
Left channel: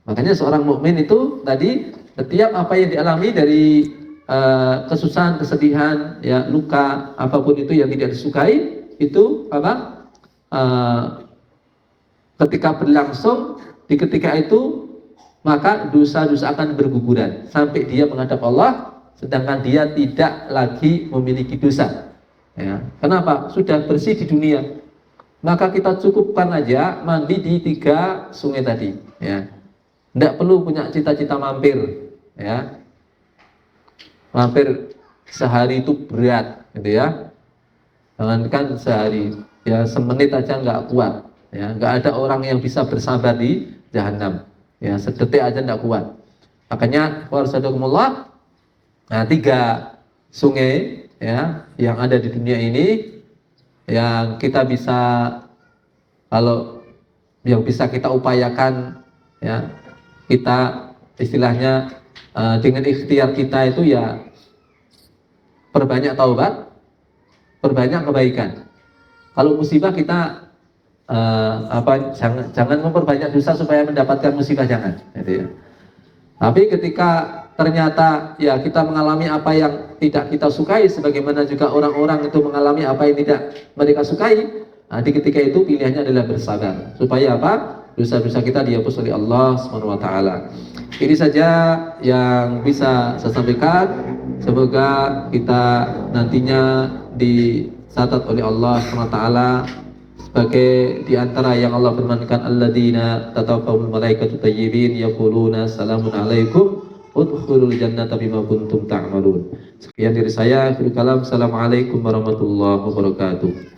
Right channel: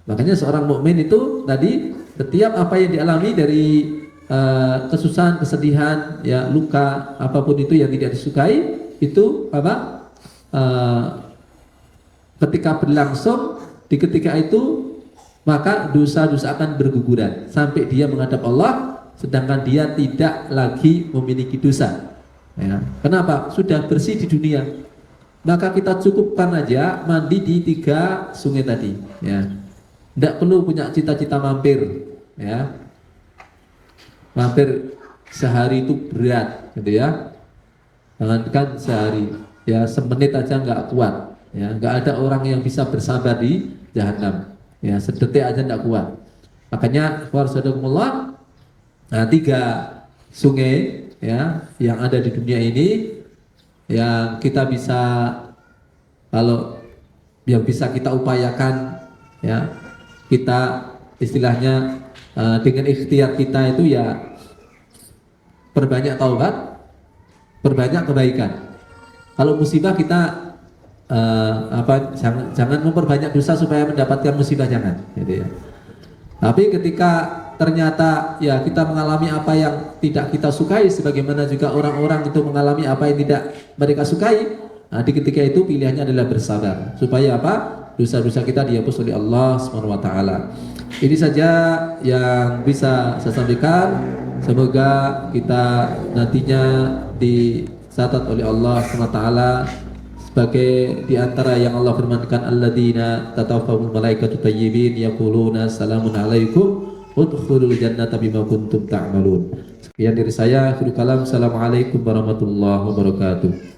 Makanya seorang mukmin itu tadi, setiap apa yang dialami dari kesusahan, kesedihan, ya, luka, apapun itu yang tidak disukai, itu ketika berlangsung di ketika itu, maka dosa-dosa akan berguguran sampai dia menghadap Allah, sedangkan dia tidak lagi memiliki dosa. Ya. Kenapa? Sudah bersih di dunia. Maka kita cukupkan aja mandi di 3 sungai tadi. Ya. Tidak perlu punya cita-cita mampir. Ya. Mampir sehari itu berat, gitu ya. Jangankan sehari, ya semenit aja nggak kuat. Ya, nggak ada orang yang bisa bersabar di jahanam. Ya, sedetik aja nggak kuat. Makanya warahmatullahi, nah 3 sungai, ya, yang ada di dunia ini yang kita bisa, kalau yang bisa kita upayakan, ya, kita istilahnya dengan ikhtiar kita itu ya perbanyak taubat, perbanyak kebaikan. Kalau musibah kita jangan memperbanyak dosa supaya mendapatkan musibah, jangan, gitu ya. Tapi ketika ternyata ya kita mengalami apa yang tidak kita sukai, sebagaimana juga orang-orang itu mengalami apa yang tidak mereka sukai, nah, di ketika itu pilihannya adalah bersabar. Supaya apa? dosa-dosa kita dihapus oleh Allah Subhanahu wa taala. Ini saja yang bisa saya sampaikan. Semoga kita nantinya dicatat oleh Allah Subhanahu wa taala sebagai di antara yang Allah firmankan, alladzina tatawaffahumul malaikatu tayyibin yaquluna salamun alaikum udkhulul jannata bima kuntum ta'malun. Sekian dari saya, akhirul kalam. Assalamualaikum warahmatullahi wabarakatuh.